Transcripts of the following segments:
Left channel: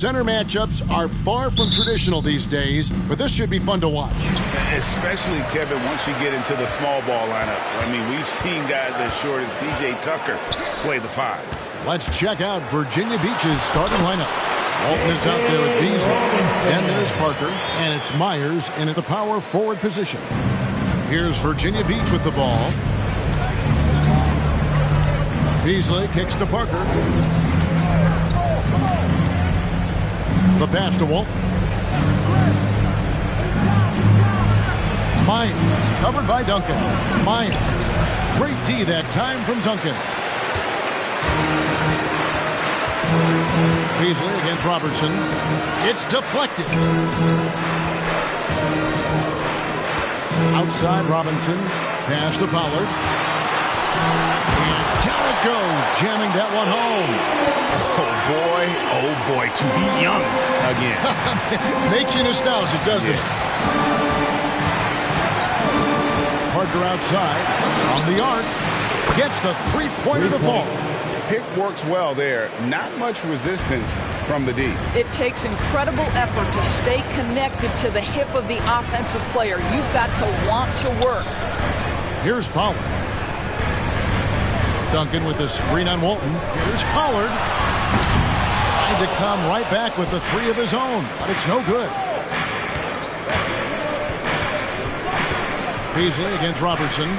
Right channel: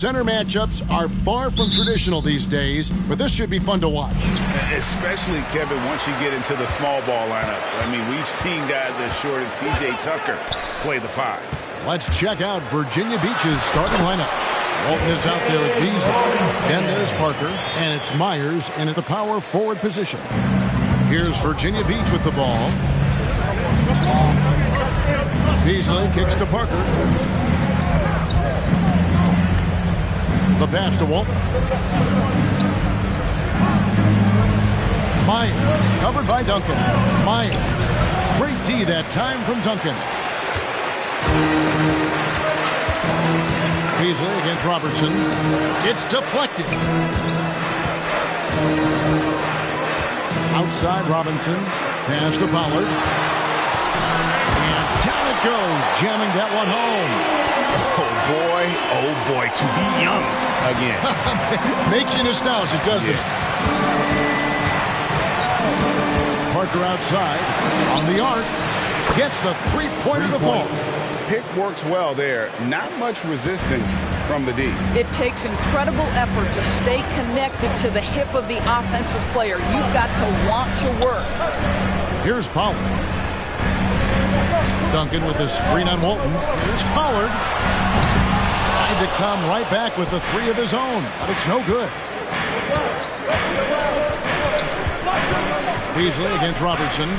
Center matchups are far from traditional these days, but this should be fun to watch. Especially, Kevin, once you get into the small ball lineups. I mean, we've seen guys as short as P.J. Tucker play the 5. Let's check out Virginia Beach's starting lineup. Walton is out there with Beasley. Then there's Parker, and it's Myers in at the power forward position. Here's Virginia Beach with the ball. Beasley kicks to Parker. The pass to Walton. Myers, covered by Duncan. Myers, great D that time from Duncan. Beasley against Robertson. It's deflected. Outside Robinson. Pass to Pollard. And down it goes, jamming that one home. Oh boy, to be young again. Makes you nostalgic, doesn't it? Parker outside, on the arc, gets the three-pointer to fall. Pick works well there. Not much resistance from the D. It takes incredible effort to stay connected to the hip of the offensive player. You've got to want to work. Here's Pollard. Duncan with a screen on Walton. Here's Pollard. Tried to come right back with the 3 of his own, but it's no good. Beasley against Robertson.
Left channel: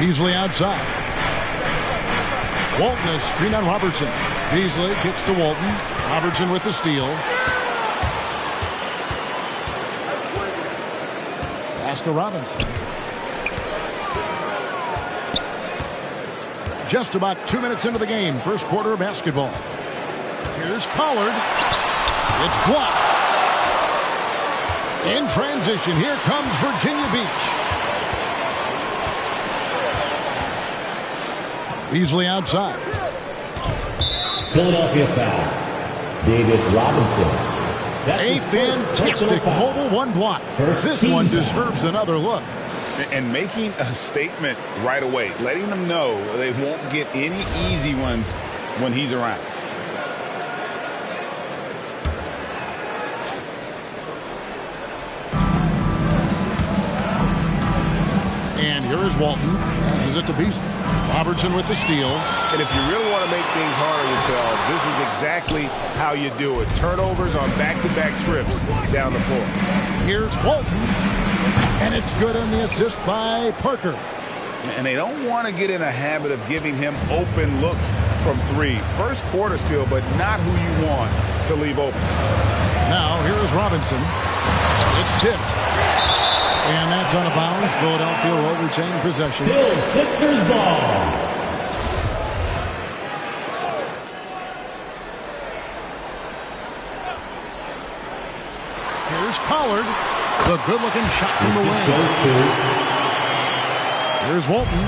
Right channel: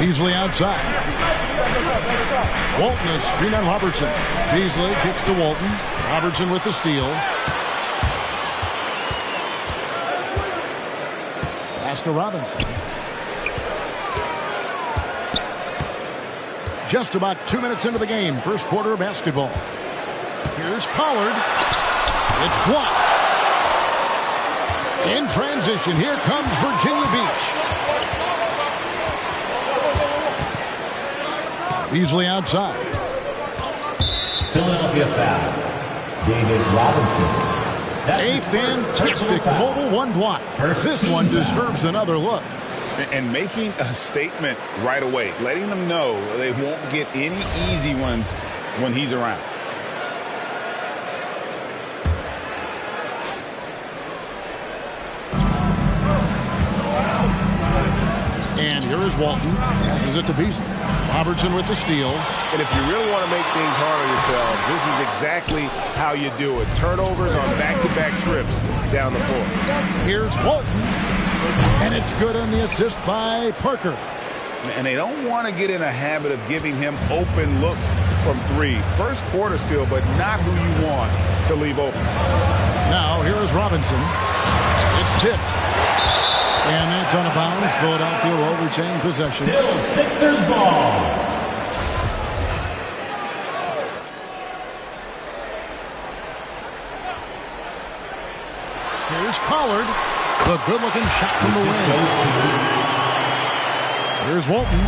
Beasley outside. Walton a screen on Robertson. Beasley kicks to Walton. Robertson with the steal. Pass to Robinson. Just about 2 minutes into the game, first quarter of basketball. Here's Pollard. It's blocked. In transition, here comes Virginia Beach. Beasley outside. Philadelphia foul. David Robinson. A fantastic mobile one block. This one deserves another look. And making a statement right away, letting them know they won't get any easy ones when he's around. And here is Walton. Passes it to Beasley. Robertson with the steal. And if you really want to make things hard on yourselves, this is exactly how you do it. Turnovers on back-to-back trips down the floor. Here's Walton. And it's good on the assist by Parker. And they don't want to get in a habit of giving him open looks from 3. First quarter still, but not who you want to leave open. Now, here is Robinson. It's tipped. And that's on a bounce. Philadelphia will retain possession. Still Sixers ball. Here's Pollard. The good-looking shot from the wing. Here's Walton.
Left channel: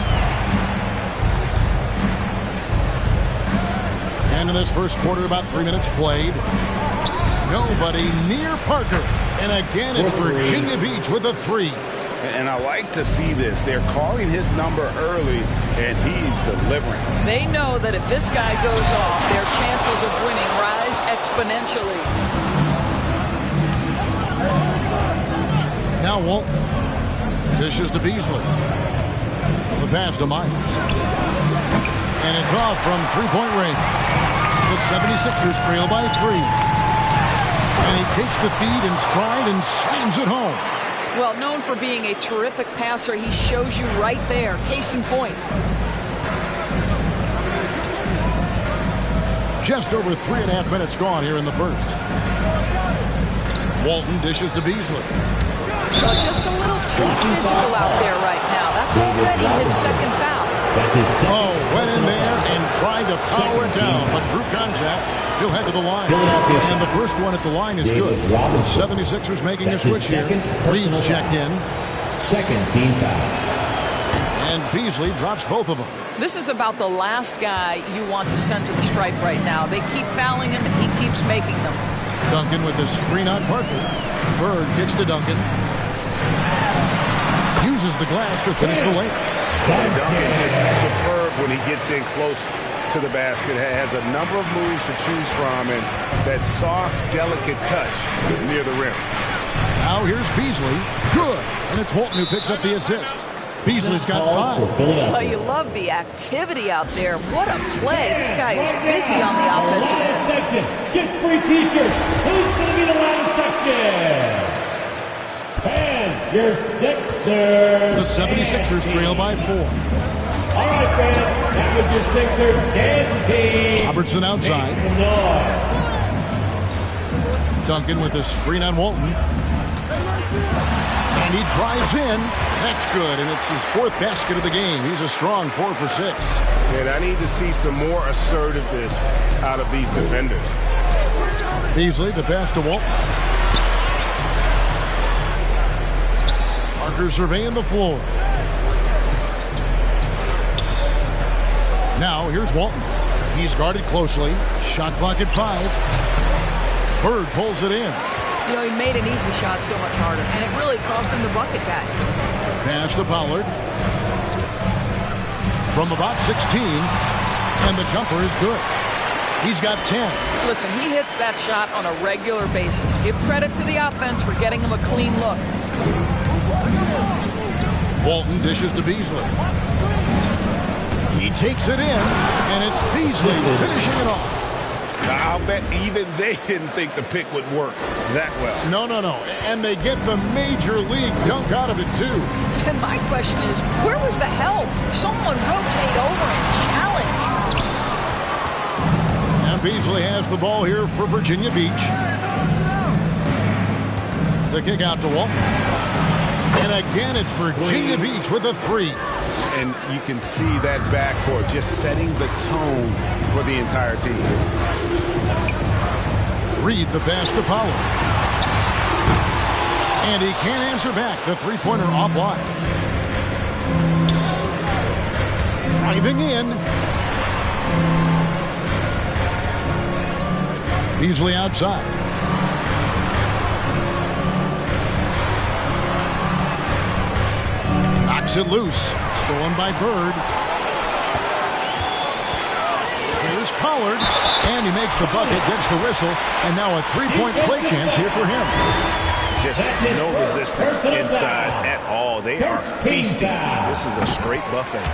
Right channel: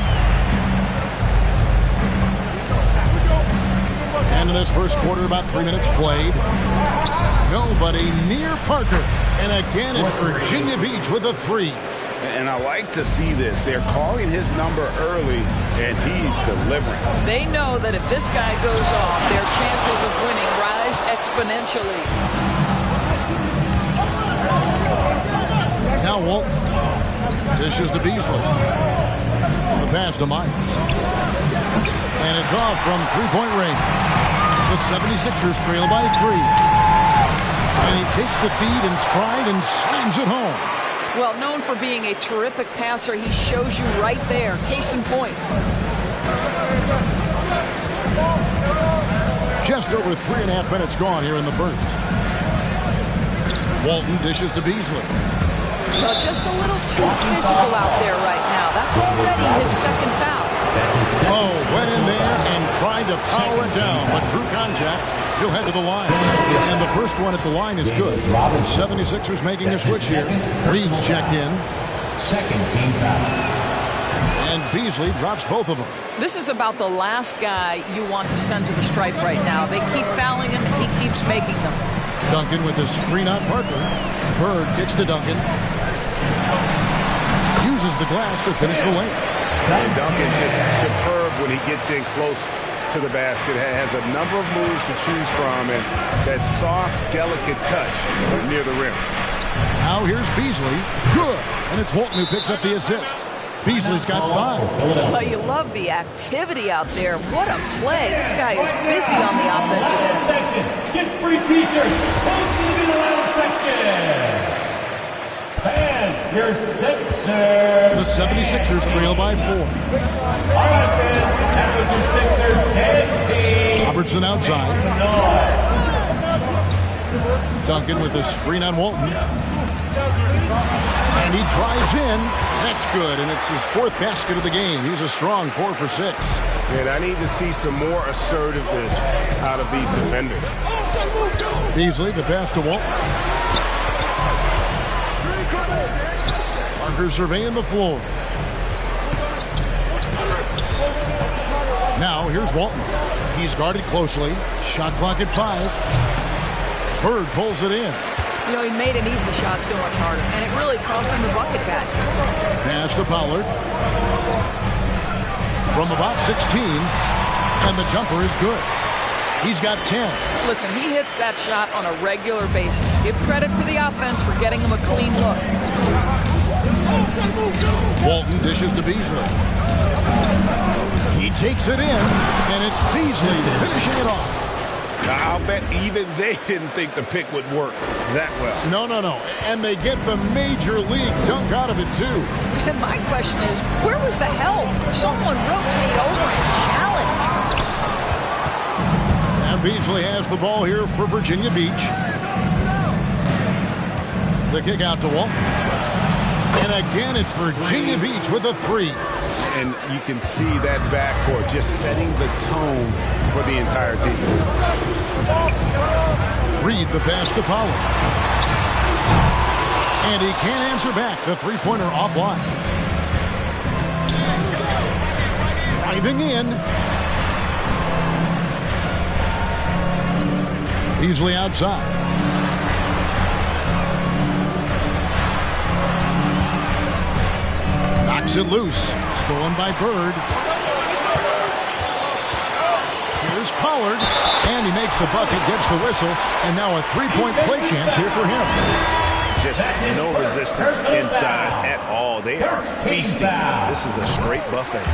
And in this first quarter, about 3 minutes played. Nobody near Parker. And again, it's Virginia Beach with a 3. And I like to see this. They're calling his number early, and he's delivering. They know that if this guy goes off, their chances of winning rise exponentially. Now Walton. Dishes to Beasley. The pass to Myers. And it's off from three-point range. The 76ers trail by 3. And he takes the feed in stride and slams it home. Well, known for being a terrific passer, he shows you right there. Case in point. Just over 3.5 minutes gone here in the first. Walton dishes to Beasley. Well, just a little too physical out there right now. That's already his second foul. That's his second. Oh, went in there and tried to power it down, but drew contact. He'll head to the line. And the first one at the line is good. The 76ers making a switch here. Reed's checked in. Second team foul. And Beasley drops both of them. This is about the last guy you want to send to the stripe right now. They keep fouling him, and he keeps making them. Duncan with the screen on Parker. Bird kicks to Duncan. Uses the glass to finish the layup. And Duncan just superb when he gets in close to the basket, has a number of moves to choose from, and that soft, delicate touch near the rim. Now here's Beasley. Good. And it's Walton who picks up the assist. Beasley's got 5. Well, you love the activity out there. What a play. This guy is busy on the offensive end. Section gets free t-shirts. Who's going to be the round section? Fans, your Sixers. The 76ers trail by 4. All right, fans. Now with your Sixers dance team. Robertson outside. Make some noise. Duncan with a screen on Walton. And he drives in. That's good, and it's his 4th basket of the game. He's a strong 4 for 6. And I need to see some more assertiveness out of these defenders. Beasley, the pass to Walton. Parker surveying the floor. Now here's Walton. He's guarded closely. Shot clock at 5. Bird pulls it in. You know, he made an easy shot so much harder, and it really cost him the bucket, guys. Pass to Pollard. From about 16, and the jumper is good. He's got 10. Listen, he hits that shot on a regular basis. Give credit to the offense for getting him a clean look. Walton dishes to Beasley. He takes it in, and it's Beasley finishing it off. I'll bet even they didn't think the pick would work that well. No. And they get the major league dunk out of it, too. And my question is, where was the help? Someone rotate over and challenge. And Beasley has the ball here for Virginia Beach. The kick out to Walton. And again, it's Virginia Beach with a 3. And you can see that backcourt just setting the tone for the entire team. Reed the pass to Pollard. And he can't answer back. The three-pointer offline. Driving in. Beasley outside. Knocks it loose. Stolen by Bird. Here's Pollard. And he makes the bucket, gets the whistle, and now a three-point play chance here for him. Just no resistance inside at all. They are feasting. This is a straight buffet.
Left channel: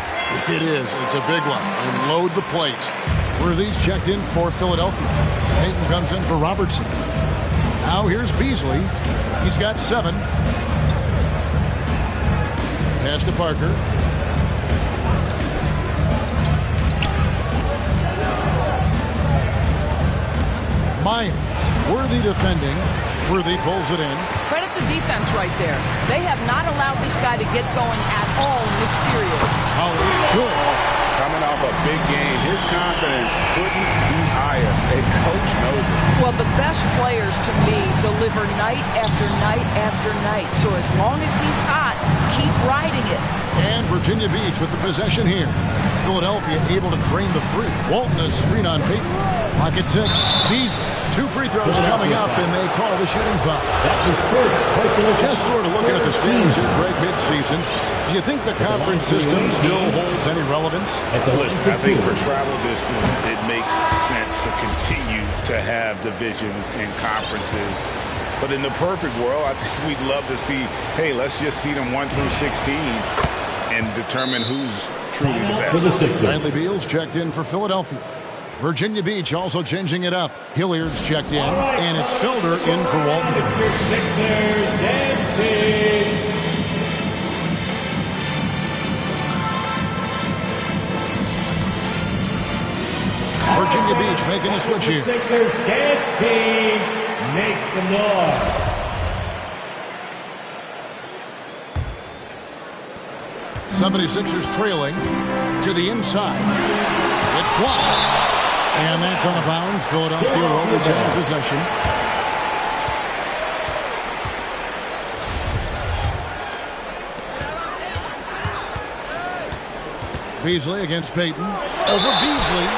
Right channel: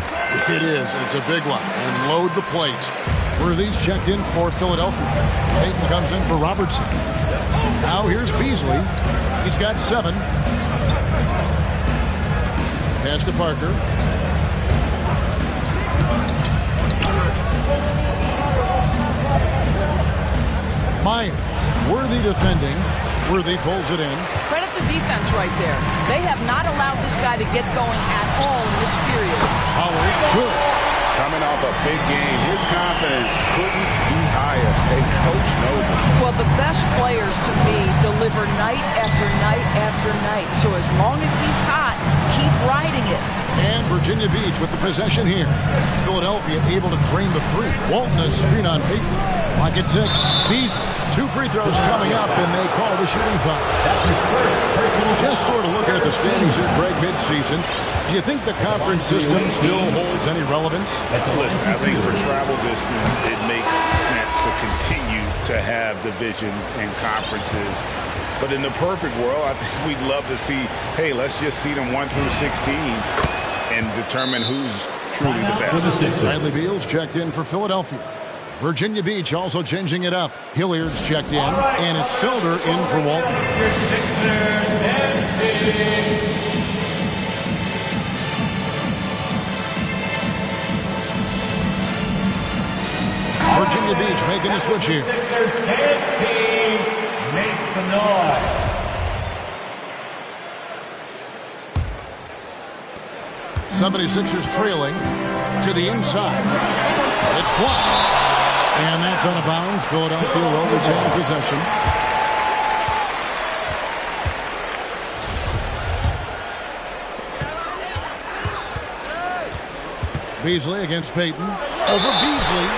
It is. It's a big one. And load the plate. Worthy's checked in for Philadelphia. Payton comes in for Robertson. Now here's Beasley. He's got 7. Pass to Parker. Myers. Worthy defending. Worthy pulls it in. Credit the defense right there. They have not allowed this guy to get going at all in this period. Pollard, good. Coming off a big game, his confidence couldn't be higher, and coach knows it. Well, the best players, to me, deliver night after night after night. So as long as he's hot, keep riding it. And Virginia Beach with the possession here. Philadelphia able to drain the 3. Walton a screen on Payton. Clock at 6. Beasley. 2 free throws coming up, and they call the shooting foul. That's his first personal. Just sort of looking at the standings here, Greg, midseason. Do you think the conference system still holds any relevance? Listen, I think for travel distance, it makes sense to continue to have divisions and conferences. But in the perfect world, I think we'd love to see, hey, let's just see them 1 through 16 and determine who's truly the best. Bradley Beal's checked in for Philadelphia. Virginia Beach also changing it up. Hilliard's checked in, and it's Felder in for Walton. Virginia Beach making a switch here. Sixers dance team makes some noise. '76ers trailing to the inside. It's blocked. And that's out of bounds. Philadelphia will retain possession. Beasley against Payton. Over Beasley.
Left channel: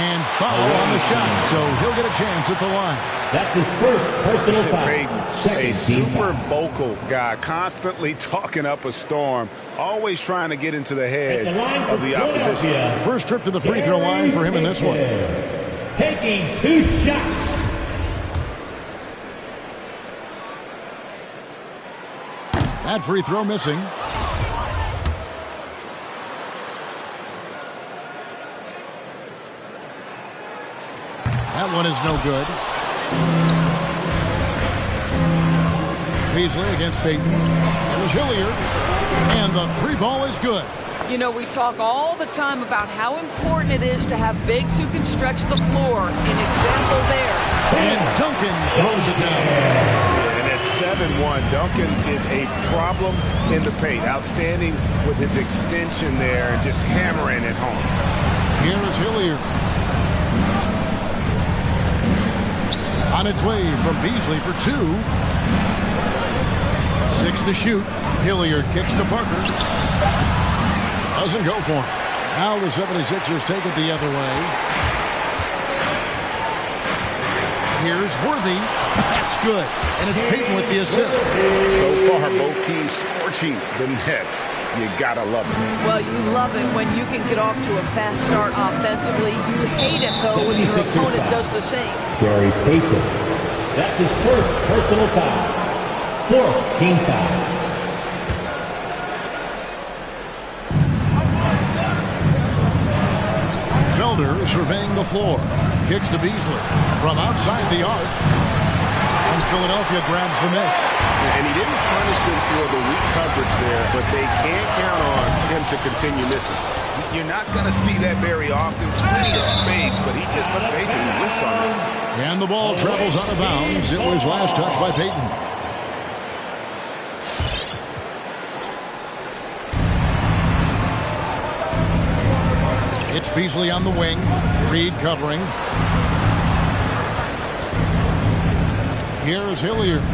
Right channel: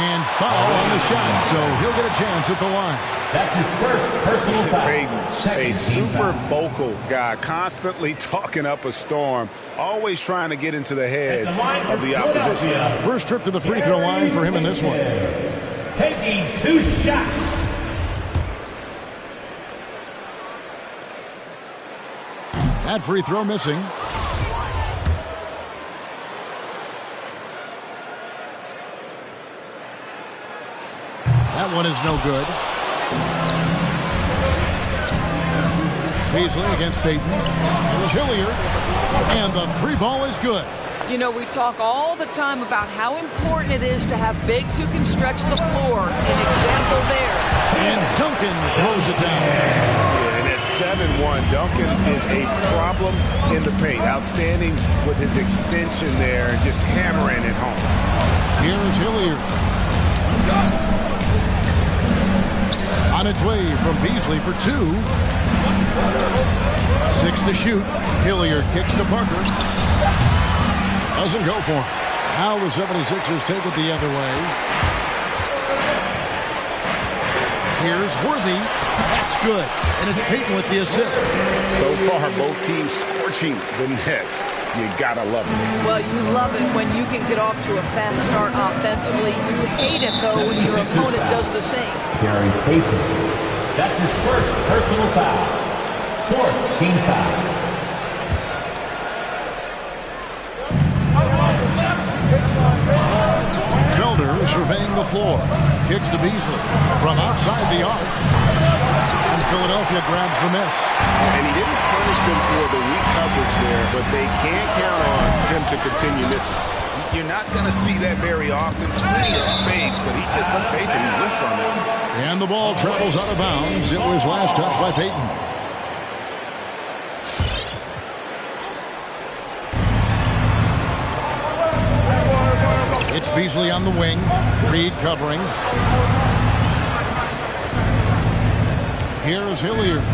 And foul on the shot, so he'll get a chance at the line. That's his first personal foul. Peyton, a super vocal guy, constantly talking up a storm, always trying to get into the heads of the opposition. First trip to the free throw line for him in this one. Taking 2 shots. That free throw missing. That one is no good. Beasley against Payton. There's Hilliard. And the 3 ball is good. You know, we talk all the time about how important it is to have bigs who can stretch the floor. An example there. And Duncan throws it down. Yeah, and at 7-1, Duncan is a problem in the paint. Outstanding with his extension there and just hammering it home. Here's Hilliard. On its way from Beasley for 2. 6 to shoot. Hilliard kicks to Parker. Doesn't go for him. Now the 76ers take it the other way. Here's Worthy. That's good. And it's Payton with the assist. So far, both teams scorching the Nets. You gotta love it. Well, you love it when you can get off to a fast start offensively. You hate it, though, when your opponent does the same. Gary Payton. That's his first personal foul. 4th team foul. Felder surveying the floor. Kicks to Beasley from outside the arc. And Philadelphia grabs the miss. And he didn't punish them for the weak coverage there, but they can't count on him to continue missing. You're not going to see that very often. Plenty of space, but he just, let's face it, he whiffs on them. And the ball travels out of bounds. It was last touched by Payton. It's Beasley on the wing. Reed covering. Here's Hilliard.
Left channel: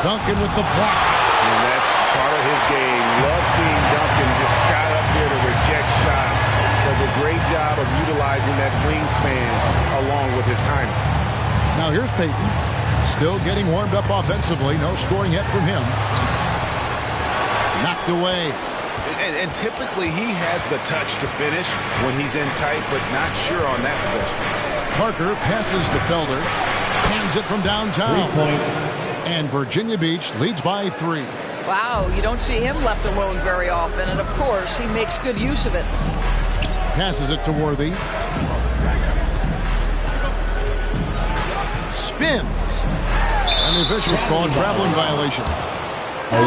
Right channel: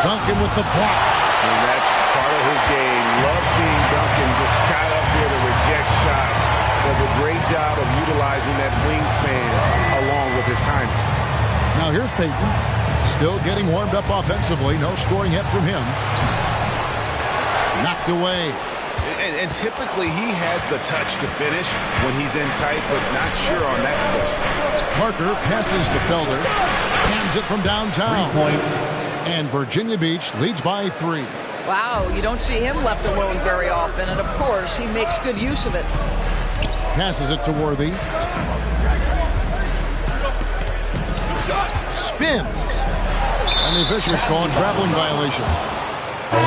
Duncan with the block. And that's part of his game. Love seeing Duncan just sky up there to reject shots. Does a great job of utilizing that wingspan along with his timing. Now here's Payton. Still getting warmed up offensively. No scoring yet from him. Knocked away. And typically he has the touch to finish when he's in tight, but not sure on that possession. Parker passes to Felder. Hands it from downtown. 3 points. And Virginia Beach leads by 3. Wow, you don't see him left alone very often, and of course, he makes good use of it. Passes it to Worthy. Spins. And the officials call a traveling violation.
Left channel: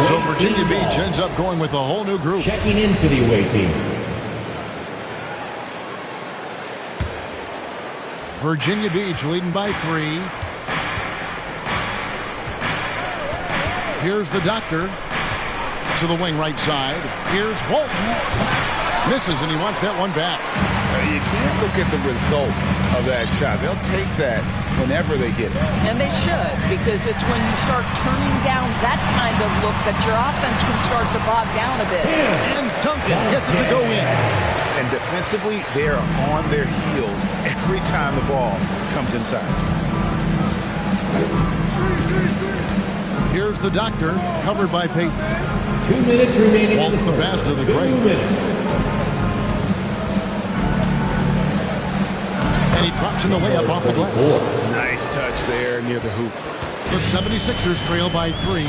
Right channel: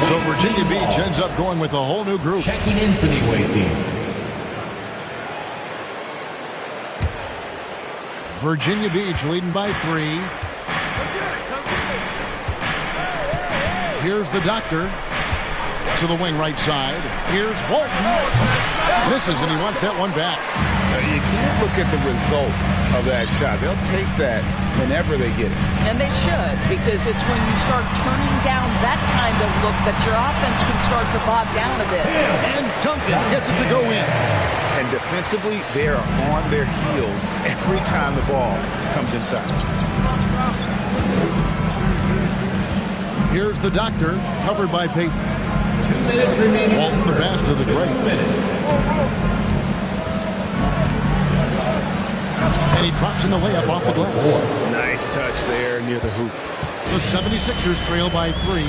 So Virginia Beach ends up going with a whole new group. Checking in for the away team. Virginia Beach leading by 3. Here's the doctor to the wing right side. Here's Walton. Misses, and he wants that one back. You can't look at the result of that shot. They'll take that whenever they get it. And they should, because it's when you start turning down that kind of look that your offense can start to bog down a bit. And Duncan gets it to go in. And defensively, they are on their heels every time the ball comes inside. Here's the doctor, covered by Payton. 2 minutes remaining. Walton the pass to the great. 2 minutes. And he drops in the layup off the glass. Nice touch there near the hoop. The 76ers trail by 3.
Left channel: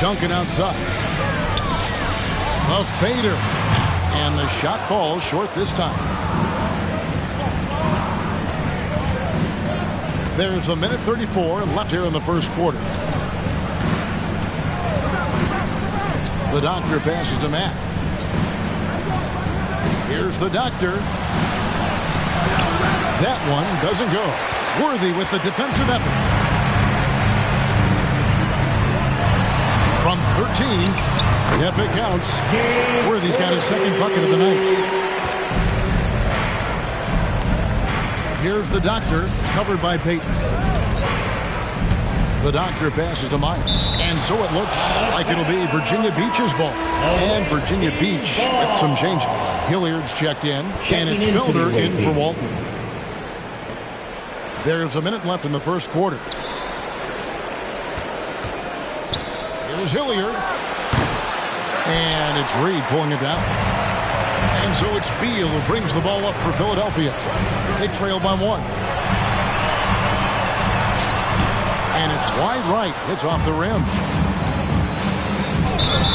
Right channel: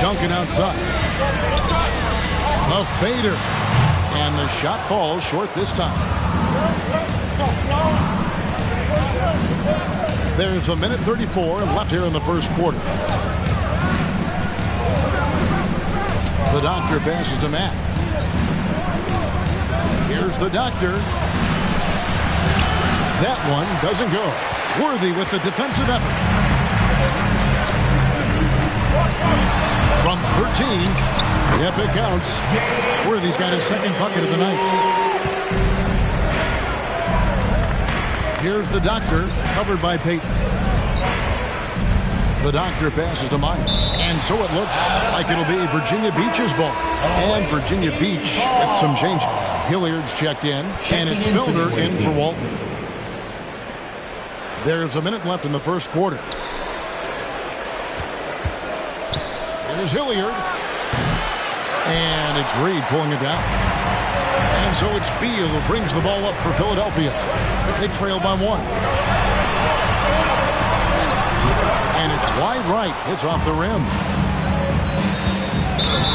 Duncan outside. A fader. And the shot falls short this time. There's 1:34 left here in the first quarter. The doctor passes to Matt. Here's the doctor. That one doesn't go. Worthy with the defensive effort. From 13, yep, it counts. Worthy's got his second bucket of the night. Here's the doctor, covered by Payton. The doctor passes to Myers. And so it looks like it'll be Virginia Beach's ball. And Virginia Beach with some changes. Hilliard's checked in. And it's Felder in for Walton. There's a minute left in the first quarter. Here's Hilliard. And it's Reed pulling it down. And so it's Beal who brings the ball up for Philadelphia. They trail by 1. And it's wide right. It's off the rim.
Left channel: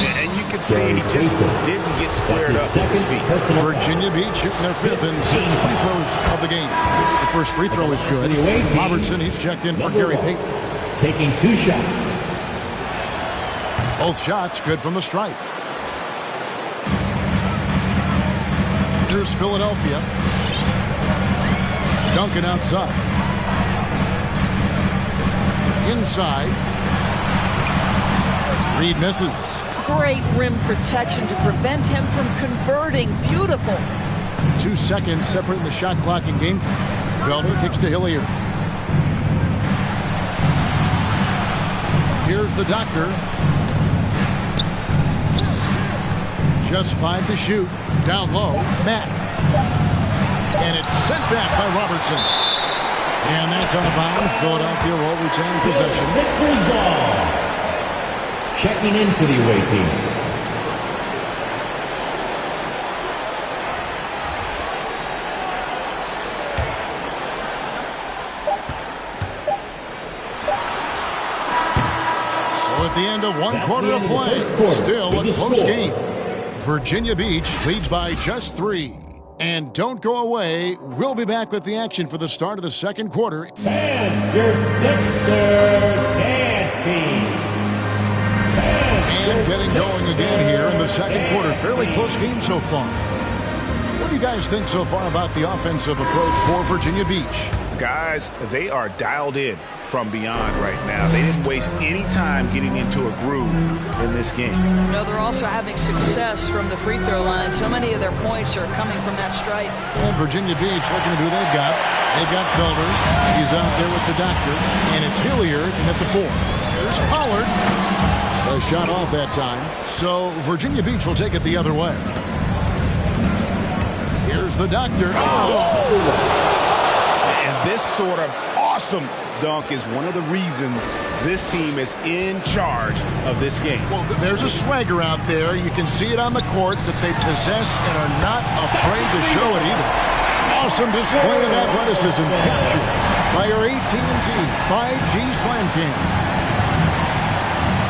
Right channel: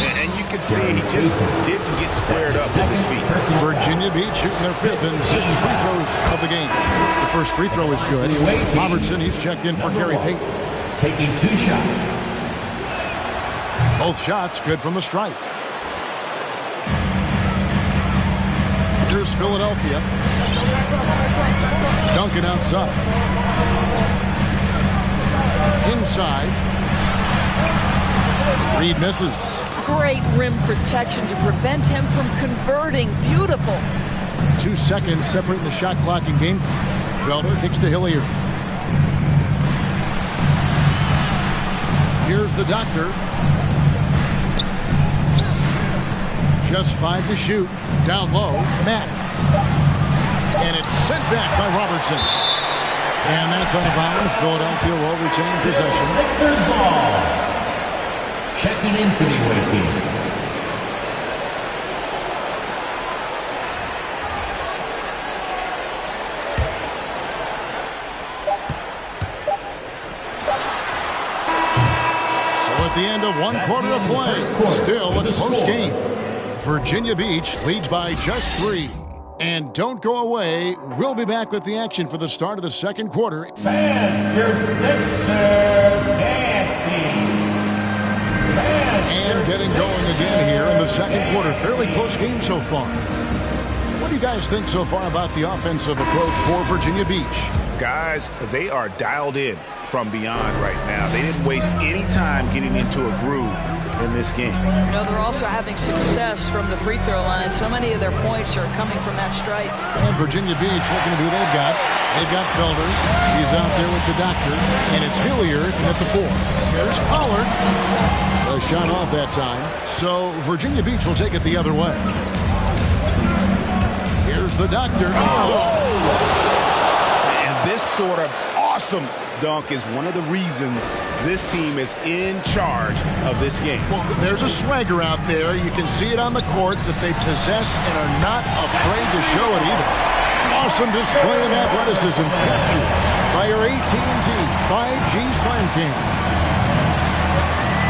And you can see he just didn't get squared up with his feet. Virginia Beach shooting their 5th and 6th free throws of the game. The first free throw is good. Robertson, he's checked in for Gary Payton. Taking 2 shots. Both shots good from the stripe. Here's Philadelphia. Duncan outside. Inside. Reed misses. Great rim protection to prevent him from converting. Beautiful. 2 seconds separating the shot clock and game clock. Felder kicks to Hilliard. Here's the doctor. Just 5 to shoot. Down low, Matt. And it's sent back by Robertson. And that's out of bounds. Philadelphia will retain possession. Sixers ball. Checking in for the away team. So at the end of 1 quarter of play, still a close game. Virginia Beach leads by just 3. And don't go away. We'll be back with the action for the start of the second quarter. Fans, your Sixers nasty. And getting going again here in the second quarter. Fairly close game so far. What do you guys think so far about the offensive approach for Virginia Beach? Guys, they are dialed in from beyond right now. They didn't waste any time getting into a groove in this game. You know, they're also having success from the free throw line. So many of their points are coming from that stripe. And Virginia Beach looking at who they've got. They've got Felder. He's out there with the doctor. And it's Hilliard in at the 4. Here's Pollard. A shot off that time. So Virginia Beach will take it the other way. Here's the doctor. Oh! And this sort of awesome dunk is one of the reasons this team is in charge of this game. Well, there's a swagger out there. You can see it on the court that they possess and are not afraid to show it either. Awesome display of athleticism captured by your AT&T 5G Slam Cam.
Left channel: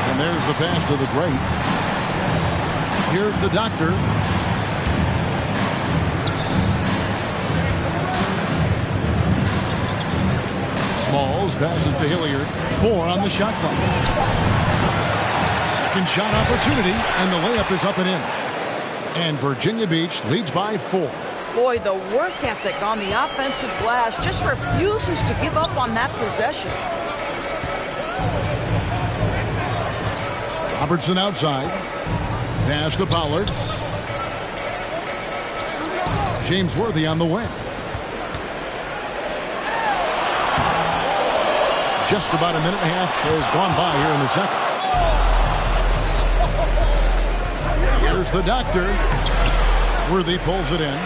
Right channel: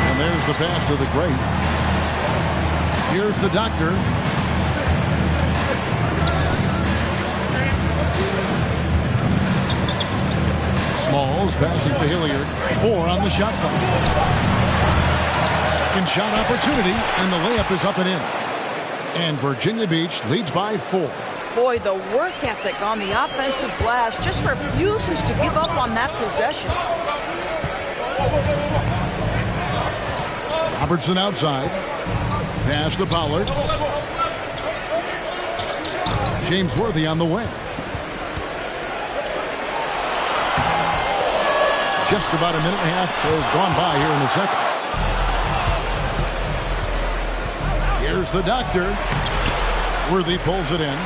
And there's the pass to the great. Here's the doctor. Smalls passes to Hilliard. 4 on the shot clock. Second shot opportunity, and the layup is up and in. And Virginia Beach leads by 4. Boy, the work ethic on the offensive glass just refuses to give up on that possession. Robertson outside. Pass to Pollard. James Worthy on the wing. Just about a minute and a half has gone by here in the second. Here's the doctor. Worthy pulls it in.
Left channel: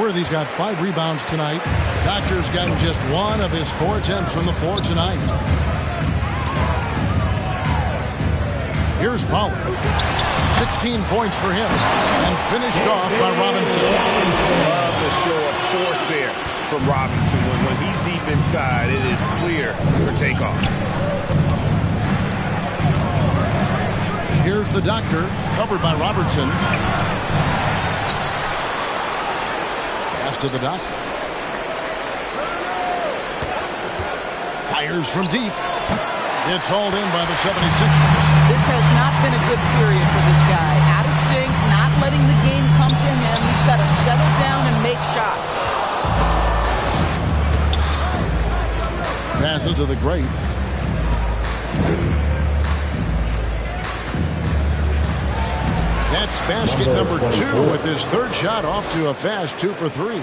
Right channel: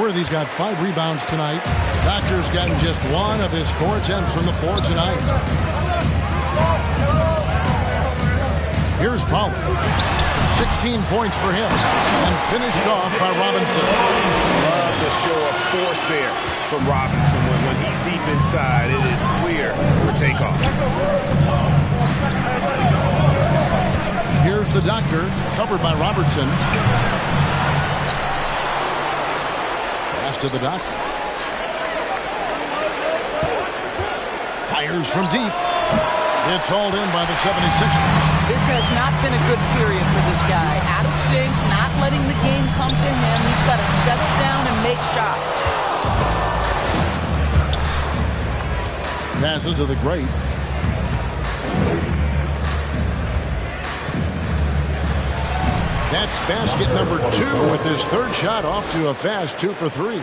Worthy's got 5 rebounds tonight. Doctor's gotten just 1 of his 4 attempts from the floor tonight. Here's Pollard. 16 points for him. And finished off by Robinson. Love the show of force there from Robinson. When he's deep inside, it is clear for takeoff. Here's the doctor, covered by Robertson. Pass to the doctor. Fires from deep. It's hauled in by the 76ers. This has not been a good period for this guy. Out of sync, not letting the game come to him. He's got to settle down and make shots. Passes to the great. That's basket number 2 with his third shot off to a fast 2 for 3.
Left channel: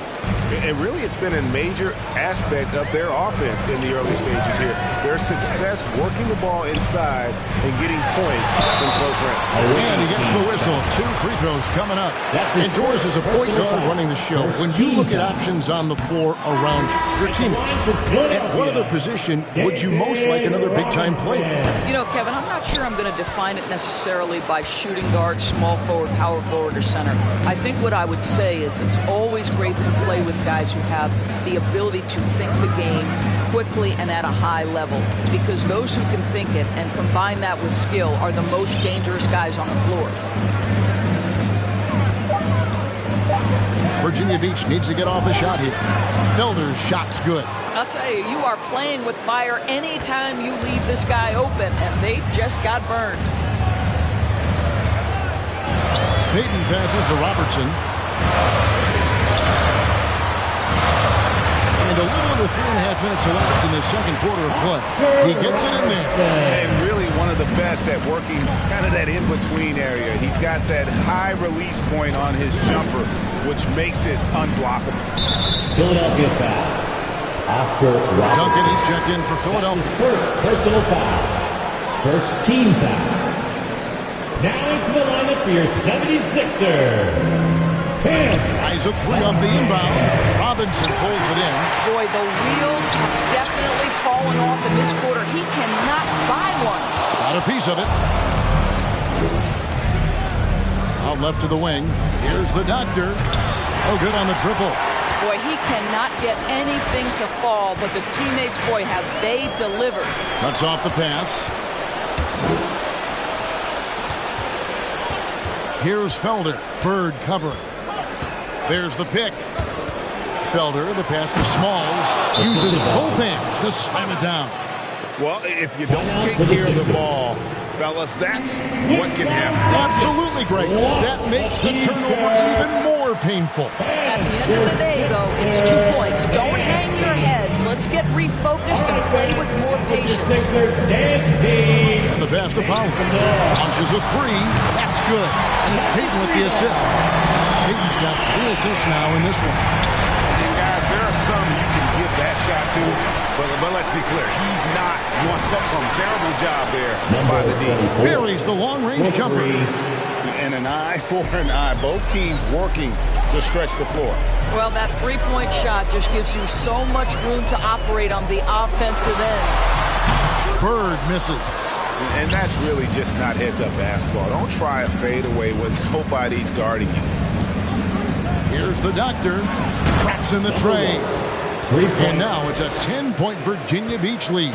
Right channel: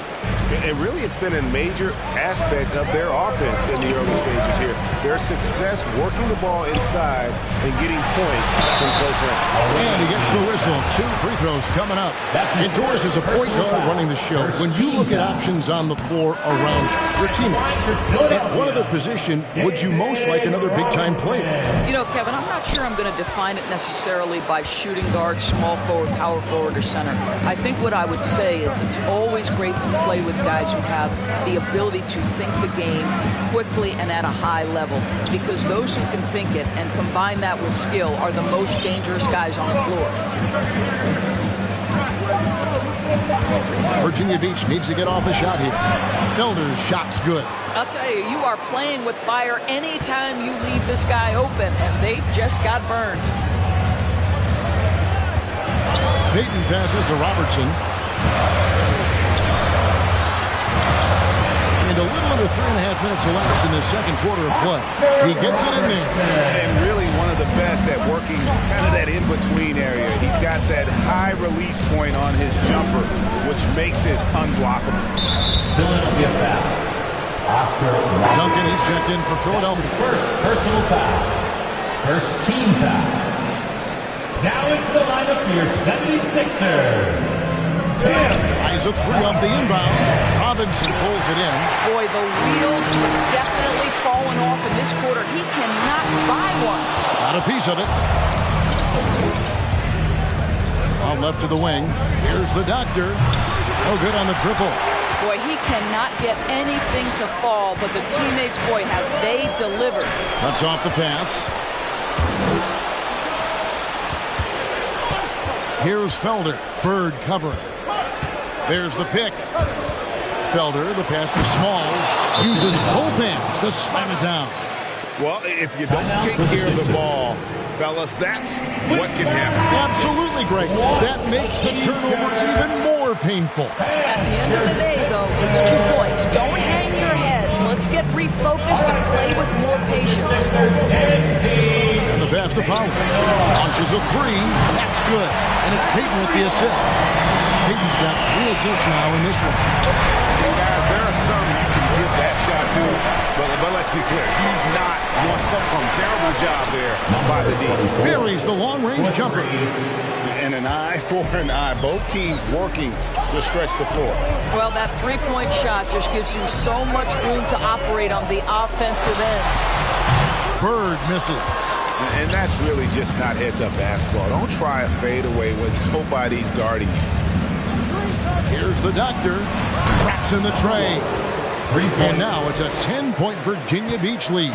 And really, it's been a major aspect of their offense in the early stages here. Their success working the ball inside and getting points from close range. And he gets the whistle. 2 free throws coming up. Indoors is a point guard running the show. When you look at options on the floor around your teammates, at what other position would you most like another big-time player? You know, Kevin, I'm not sure I'm going to define it necessarily by shooting guard, small forward, power forward, or center. I think what I would say is it's always great to play with guys who have the ability to think the game quickly and at a high level, because those who can think it and combine that with skill are the most dangerous guys on the floor. Virginia Beach needs to get off a shot here. Felder's shot's good. I'll tell you, you are playing with fire anytime you leave this guy open, and they just got burned. Payton passes to Robertson. And a little under 3.5 minutes elapsed in the second quarter of play. He gets it in there. And really one of the best at working kind of that in-between area. He's got that high release point on his jumper, which makes it unblockable. Philadelphia foul. Oscar Robertson. Duncan, he's checked in for Philadelphia. First personal foul. First team foul. Now into the lineup for your 76ers. Tries a 3 off the inbound. Robinson pulls it in. Boy, the wheels have definitely fallen off in this quarter. He cannot buy one. Got a piece of it. Out left to the wing. Here's the doctor. Oh, good on the triple. Boy, he cannot get anything to fall, but the teammates, boy, have they delivered. Cuts off the pass. Here's Felder. Bird covering. There's the pick. Felder, the pass to Smalls, uses both hands to slam it down. Well, if you don't take care of the ball, fellas, that's what can happen. Absolutely, Greg. That makes the turnover even more painful. At the end of the day, though, it's 2 points. Don't hang your heads. Let's get refocused and play with more patience. And the pass to Powell. Launches a 3. That's good. And it's Payton with the assist. Payton's got 3 assists now in this one. And guys, there are some you can give that shot to, but let's be clear, he's not one of them. Terrible job there by the D. Buries the long-range jumper. And an eye for an eye. Both teams working to stretch the floor. Well, that three-point shot just gives you so much room to operate on the offensive end. Bird misses. And that's really just not heads-up basketball. Don't try a fadeaway when nobody's guarding you. Here's the doctor. Traps in the tray. And now it's a 10-point Virginia Beach lead.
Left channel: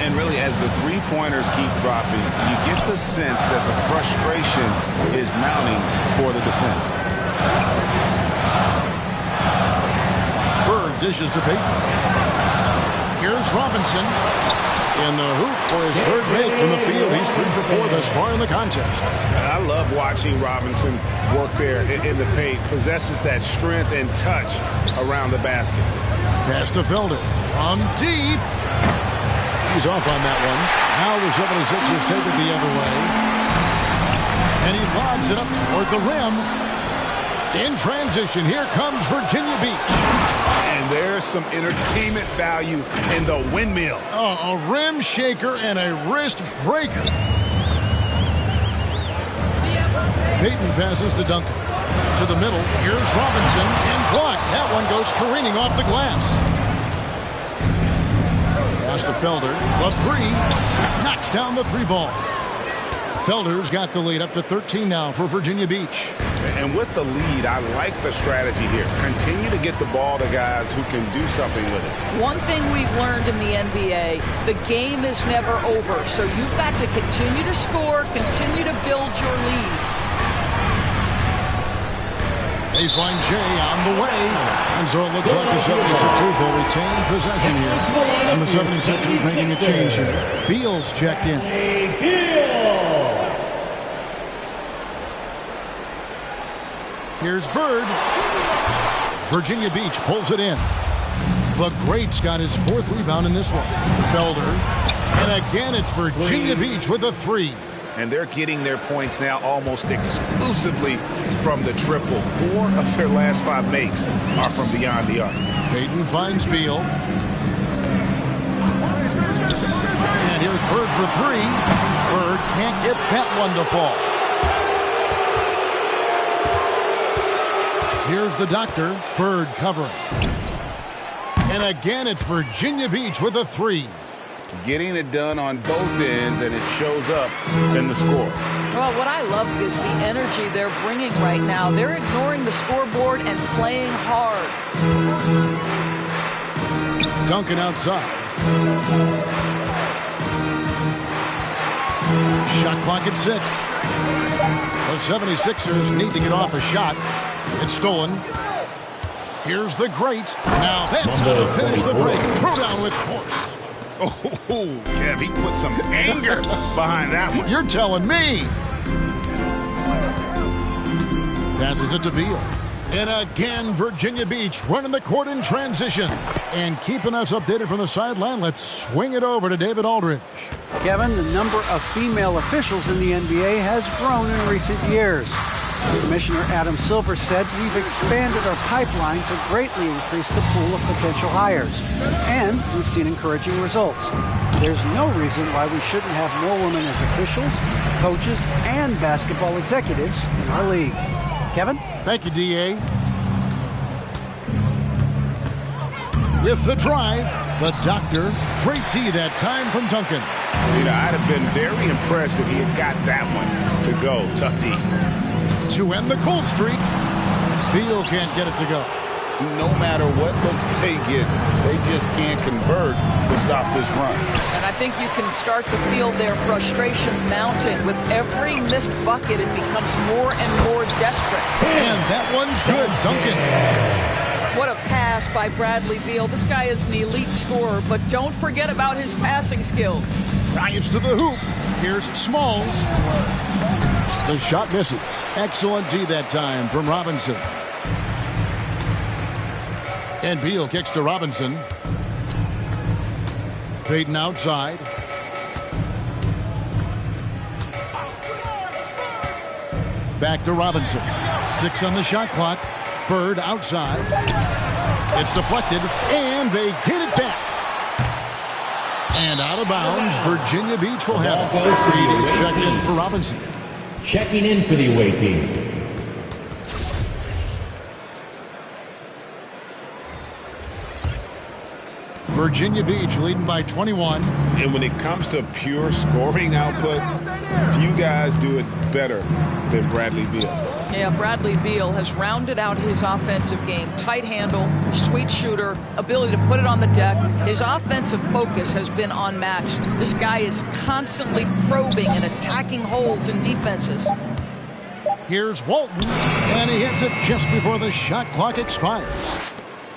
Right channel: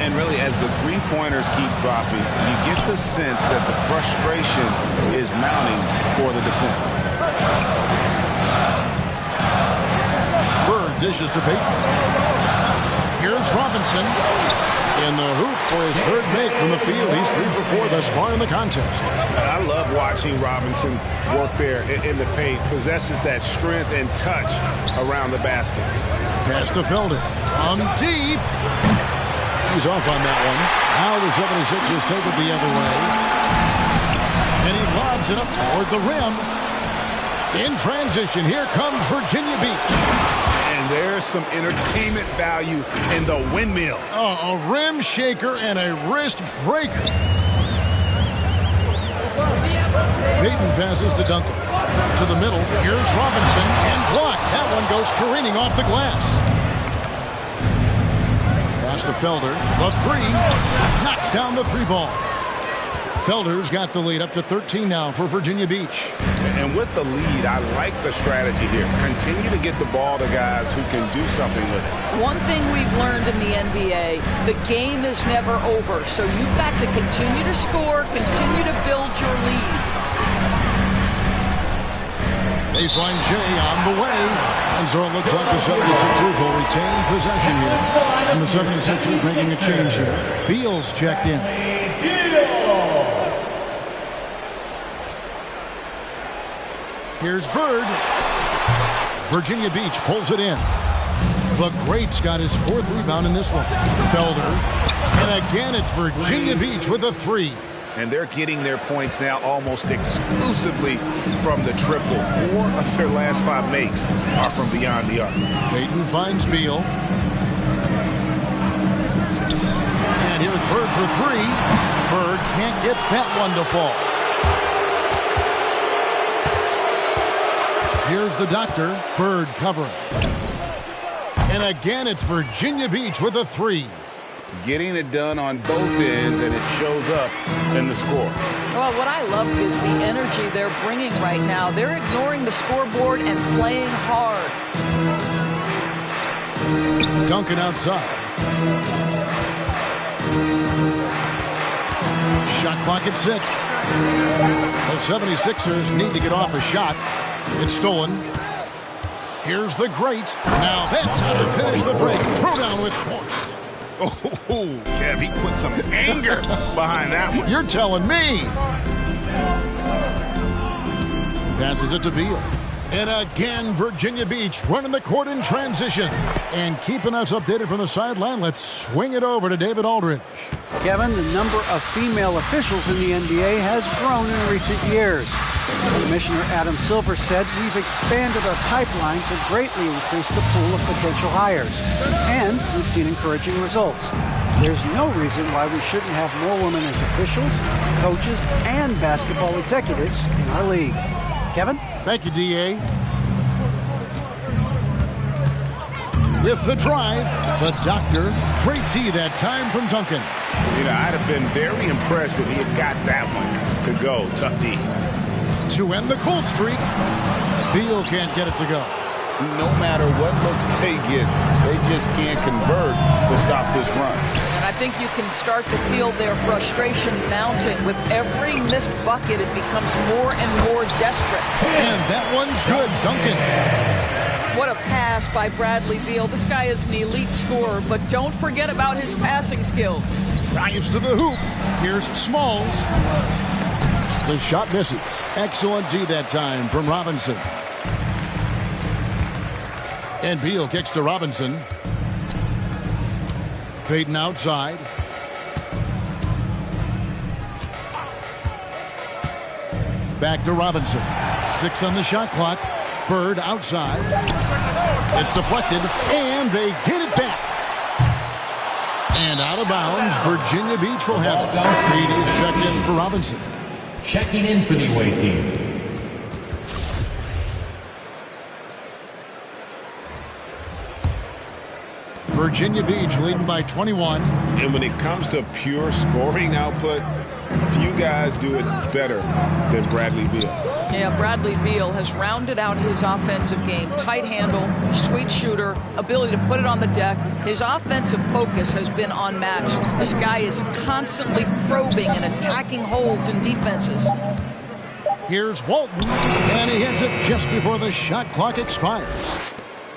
And really, as the three-pointers keep dropping, you get the sense that the frustration is mounting for the defense. Bird dishes to Payton. Here's Robinson. In the hoop for his third make from the field. He's 3 for 4 thus far in the contest. I love watching Robinson work there in the paint. Possesses that strength and touch around the basket. Pass to Felder. On deep. He's off on that one. Now the 76ers take it the other way. And he lobs it up toward the rim. In transition, here comes Virginia Beach. And there's some entertainment value in the windmill. Oh, a rim shaker and a wrist breaker. Payton passes to Duncan. To the middle. Here's Robinson. And blocked. That one goes careening off the glass. Pass to Felder. The 3. Knocks down the 3 ball. Felder's got the lead up to 13 now for Virginia Beach. And with the lead, I like the strategy here. Continue to get the ball to guys who can do something with it. One thing we've learned in the NBA, the game is never over. So you've got to continue to score, continue to build your lead. Baseline J on the way. And so it looks like the 76ers will retain possession here. And the 76ers making a change here. Beal's checked in. Here's Bird. Virginia Beach pulls it in. The Great's got his 4th rebound in this one. Felder. And again, it's Virginia Beach with a 3. and they're getting their points now almost exclusively from the triple. 4 of their last 5 makes are from beyond the arc. Payton finds Beal. And here's Bird for 3. Bird can't get that one to fall. Here's the doctor. Bird covering. And again, it's Virginia Beach with a 3. Getting it done on both ends, and it shows up in the score. Well, what I love is the energy they're bringing right now. They're ignoring the scoreboard and playing hard. Duncan outside. Shot clock at 6. The 76ers need to get off a shot. It's stolen. Here's the great. Now that's how to finish the break. Throw down with force. Oh, Kev, he put some anger behind that one. You're telling me. Passes it to Beal. And again, Virginia Beach running the court in transition. And keeping us updated from the sideline, let's swing it over to David Aldridge. Kevin, the number of female officials in the NBA has grown in recent years. Commissioner Adam Silver said, "We've expanded our pipeline to greatly increase the pool of potential hires. And we've seen encouraging results. There's no reason why we shouldn't have more women as officials, coaches, and basketball executives in our league." Kevin? Thank you, D.A. With the drive, the doctor. Great D that time from Duncan. You know, I'd have been very impressed if he had got that one to go. Tough D. To end the cold streak, Beal can't get it to go. No matter what looks they get, they just can't convert to stop this run. And I think you can start to feel their frustration mounting. With every missed bucket, it becomes more and more desperate. And that one's good, Duncan. What a pass by Bradley Beal. This guy is an elite scorer, but don't forget about his passing skills. Drives to the hoop. Here's Smalls. The shot misses. Excellent D that time from Robinson. And Beal kicks to Robinson. Payton outside. Back to Robinson. 6 on the shot clock. Bird outside. It's deflected, and they get it back. And out of bounds, Virginia Beach will have it. 3 checked in for Robinson. Checking in for the away team. Virginia Beach leading by 21. And when it comes to pure scoring output, few guys do it better than Bradley Beal. Yeah, Bradley Beal has rounded out his offensive game. Tight handle, sweet shooter, ability to put it on the deck. His offensive focus has been unmatched. This guy is constantly probing and attacking holes in defenses. Here's Walton, and he hits it just before the shot clock expires.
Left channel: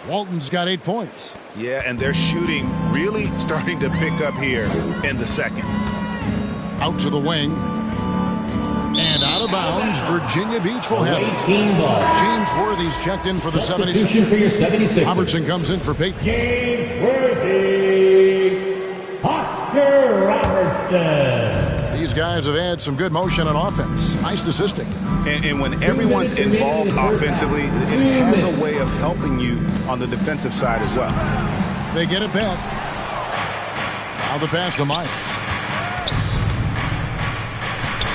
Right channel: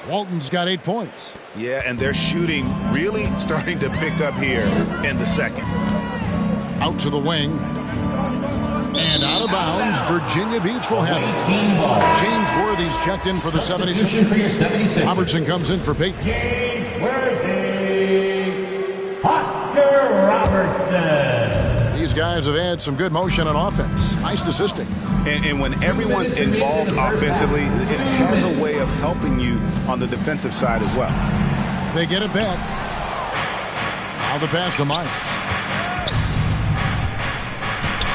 Walton's got 8 points. Yeah, and their shooting really starting to pick up here in the second. Out to the wing. And out of bounds, Virginia Beach will have it. Team ball. James Worthy's checked in for the Substitution 76ers. for your 76ers. Robertson comes in for Payton. James Worthy. Oscar Robertson. These guys have had some good motion on offense. Nice assisting. And when everyone's involved offensively, it has a way of helping you on the defensive side as well. They get it back. Now the pass to Myers.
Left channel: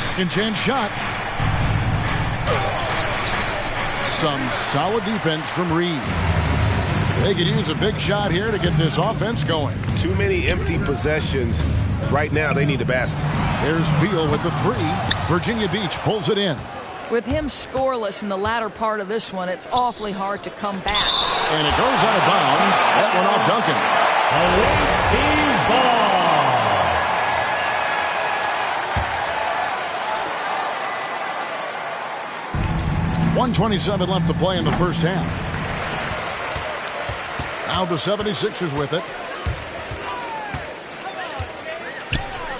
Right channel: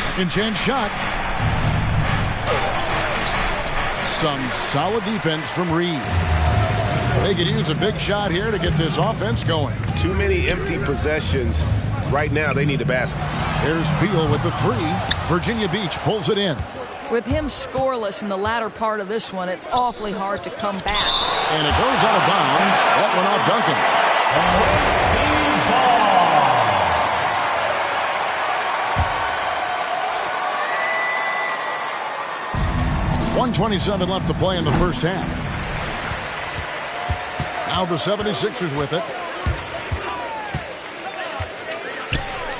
Second chance shot. Some solid defense from Reed. They could use a big shot here to get this offense going. Too many empty possessions. Right now, they need a basket. There's Beal with the 3. Virginia Beach pulls it in. With him scoreless in the latter part of this one, it's awfully hard to come back. And it goes out of bounds. That one off Duncan. Away team ball. 1:27 left to play in the first half. Now the 76ers with it.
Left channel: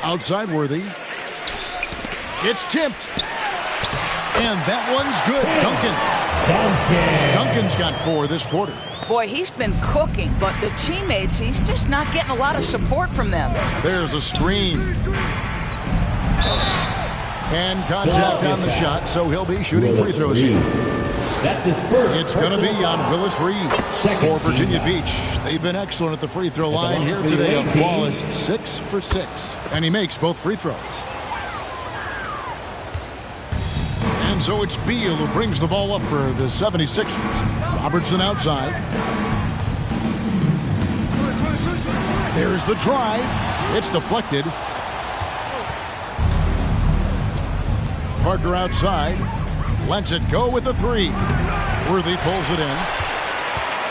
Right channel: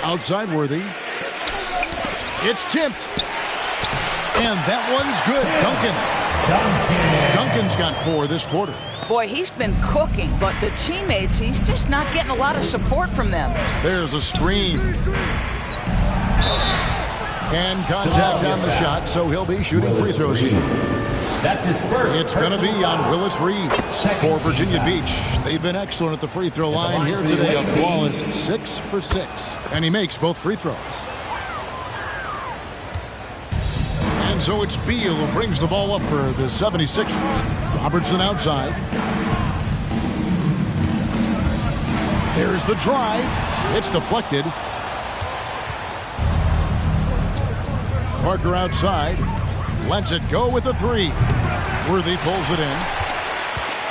Outside Worthy. It's tipped. And that one's good. Duncan. Duncan's got 4 this quarter. Boy, he's been cooking, but the teammates, he's just not getting a lot of support from them. There's a screen. And contact on the shot, so he'll be shooting free throws here. That's his first. It's going to be on Willis Reed for Virginia Beach. They've been excellent at the free throw line here today. A flawless 6 for 6. And he makes both free throws. And so it's Beal who brings the ball up for the 76ers. Robertson outside. There's the drive. It's deflected. Parker outside. Lets it go with a 3. Worthy pulls it in.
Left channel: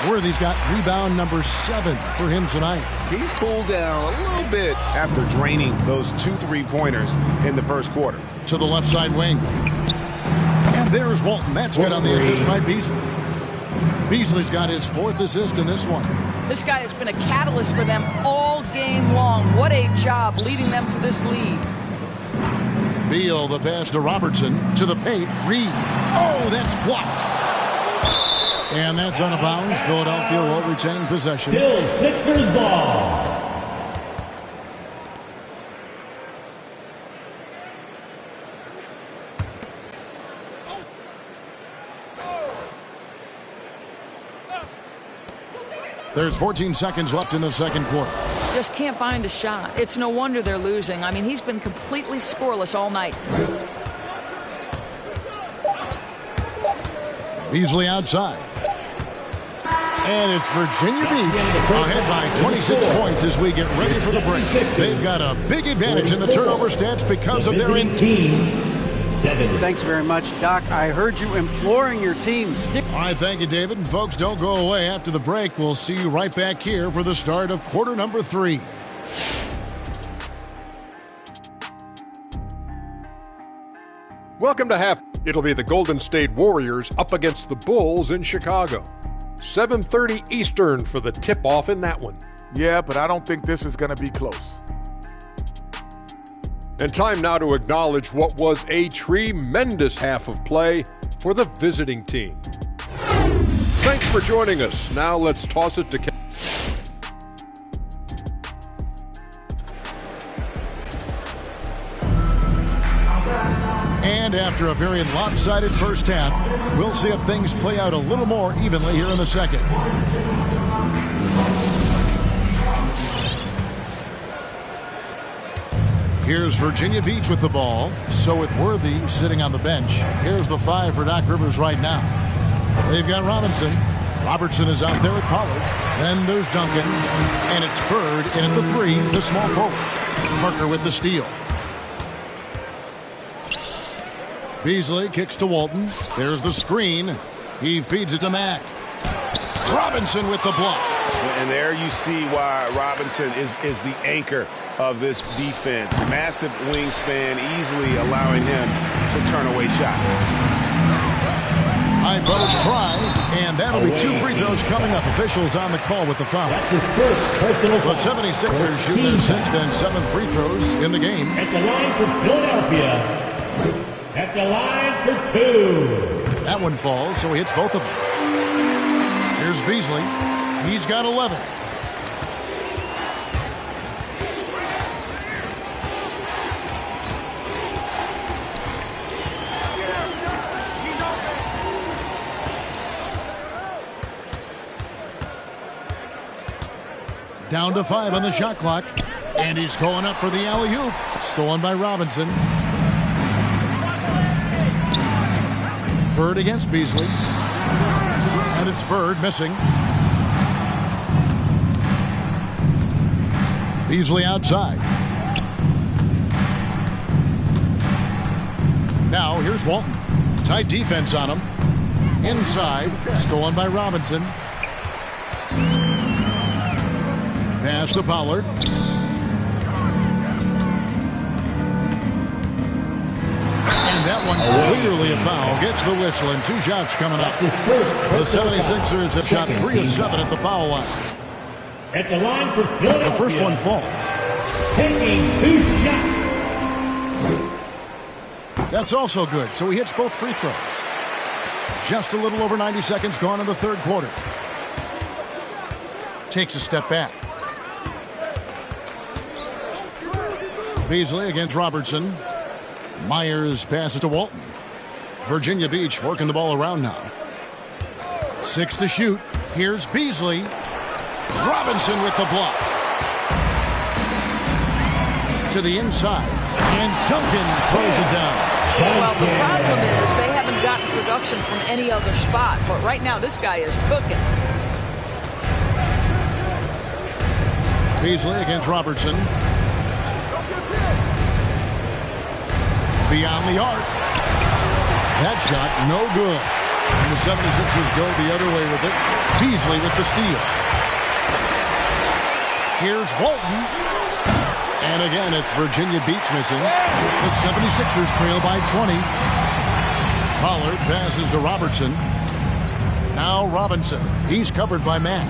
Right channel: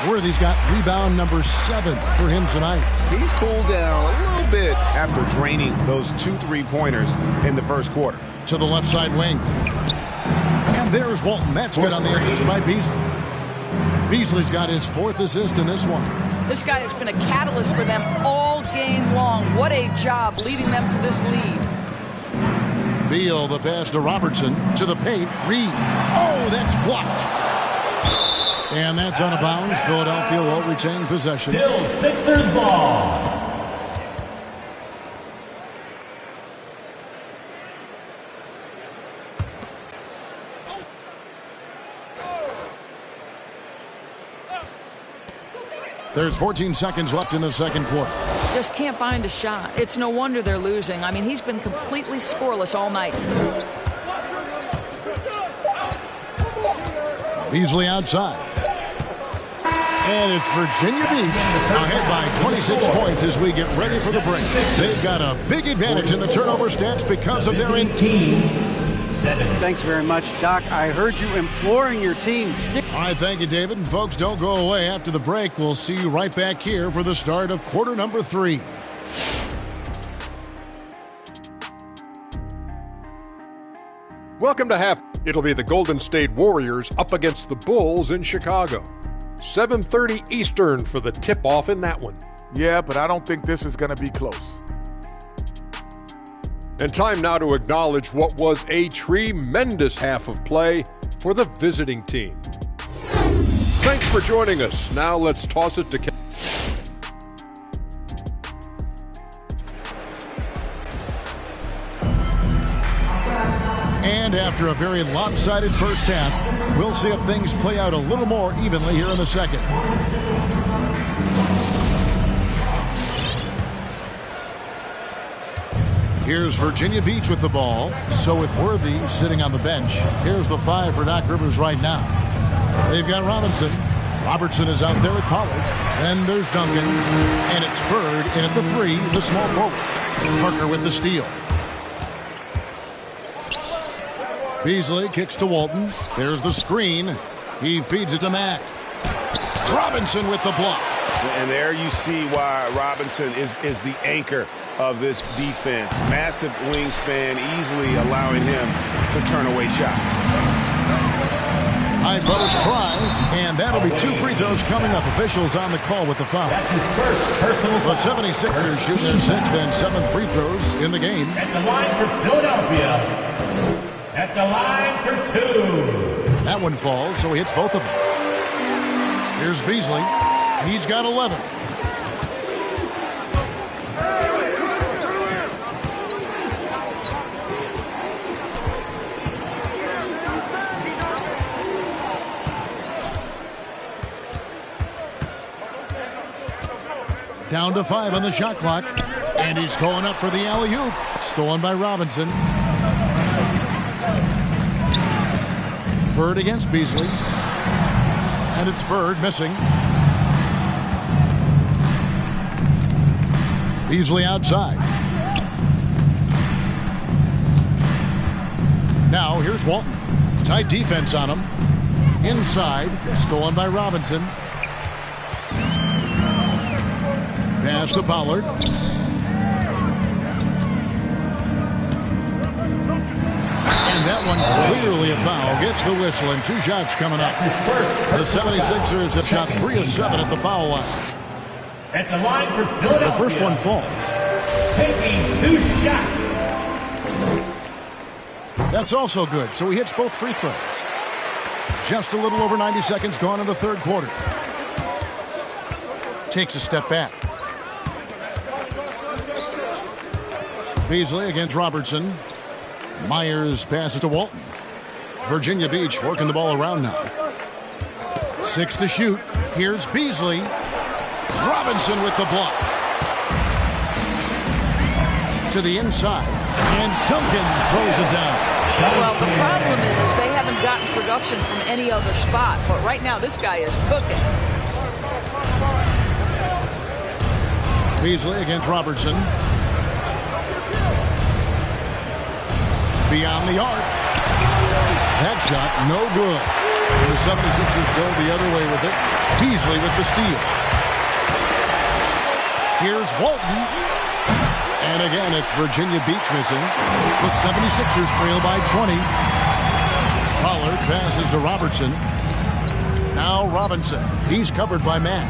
Worthy's got rebound number 7 for him tonight. He's cooled down a little bit after draining those 2 3-pointers in the first quarter. To the left side wing. And there's Walton. That's good on the assist by Beasley. Beasley's got his 4th assist in this one. This guy has been a catalyst for them all game long. What a job leading them to this lead. Beal, the pass to Robertson, to the paint. Reed. Oh, that's blocked. And that's out of bounds. Philadelphia will retain possession. Still Sixers ball. There's 14 seconds left in the second quarter. Just can't find a shot. It's no wonder they're losing. I mean, he's been completely scoreless all night. Beasley outside. And it's Virginia Beach ahead by 26 points as we get ready for the break. They've got a big advantage in the turnover stats because of their team. 7. Thanks very much, Doc. I heard you imploring your team. All right, thank you, David. And folks, don't go away. After the break, we'll see you right back here for the start of quarter number 3. Welcome to half. It'll be the Golden State Warriors up against the Bulls in Chicago. 7:30 Eastern for the tip-off in that one. Yeah, but I don't think this is going to be close. And time now to acknowledge what was a tremendous half of play for the visiting team. Thanks for joining us. Now let's toss it to And after a very lopsided first half, we'll see if things play out a little more evenly here in the second. Here's Virginia Beach with the ball. So with Worthy sitting on the bench. Here's the 5 for Doc Rivers right now. They've got Robinson. Robertson is out there with Pollard. Then there's Duncan. And it's Bird in at the 3, the small forward. Parker with the steal. Beasley kicks to Walton. There's the screen. He feeds it to Mack. Robinson with the block. And there you see why Robinson is the anchor of this defense. Massive wingspan, easily allowing him to turn away shots. High post try, and that'll be 2 free throws coming up. Officials on the call with the foul. That's his first personal foul. The 76ers shoot their 6th and 7th free throws in the game. At the line for Philadelphia. At the line for 2. That one falls, so he hits both of them. Here's Beasley. He's got 11. Down to 5 on the shot clock. And he's going up for the alley-oop. Stolen by Robinson. Bird against Beasley. And it's Bird missing. Beasley outside. Now here's Walton. Tight defense on him. Inside. Stolen by Robinson. Pass to Pollard. And that one clearly a foul. Gets the whistle and 2 shots coming up. The 76ers have shot 3 of 7 at the foul line. At the line for Philadelphia. The first one falls. Taking 2 shots. That's also good. So he hits both free throws. Just a little over 90 seconds gone in the third quarter. Takes a step back. Beasley against Robertson. Myers passes to Walton. Virginia Beach working the ball around now. 6 to shoot. Here's Beasley. Robinson with the block. To the inside. And Duncan throws it down. Well, the problem is they haven't gotten production from any other spot. But right now, this guy is cooking. Beasley against Robertson. Beyond the arc. That shot, no good. And the 76ers go the other way with it. Beasley with the steal. Here's Walton. And again, it's Virginia Beach missing. The 76ers trail by 20. Pollard passes to Robertson. Now Robinson. He's covered by Matt.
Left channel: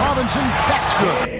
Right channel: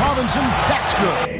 Robinson, that's good.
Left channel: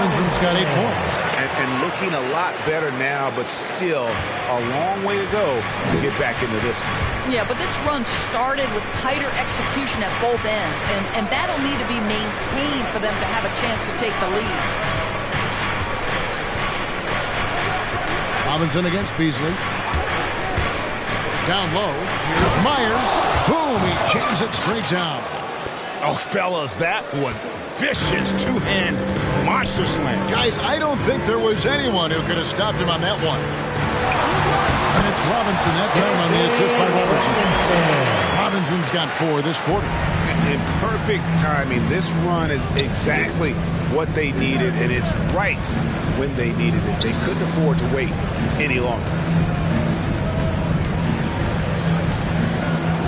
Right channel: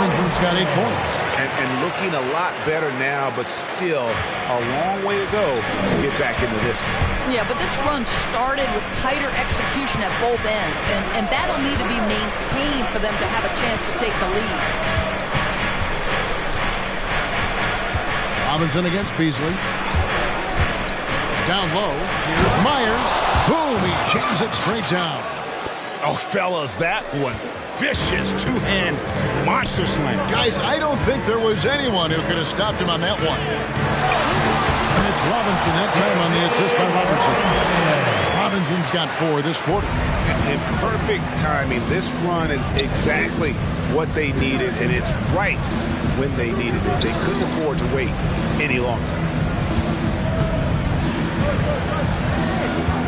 Robinson's got 8 points. And looking a lot better now, but still a long way to go to get back into this one. Yeah, but this run started with tighter execution at both ends, and that'll need to be maintained for them to have a chance to take the lead. Robinson against Beasley. Down low, here's Myers. Boom, he jams it straight down. Oh, fellas, that was vicious two-hand monster slam. Guys, I don't think there was anyone who could have stopped him on that one. And it's Robinson that time on the assist by Robertson. Robinson's got 4 this quarter. In perfect timing, this run is exactly what they needed, and it's right when they needed it. They couldn't afford to wait any longer.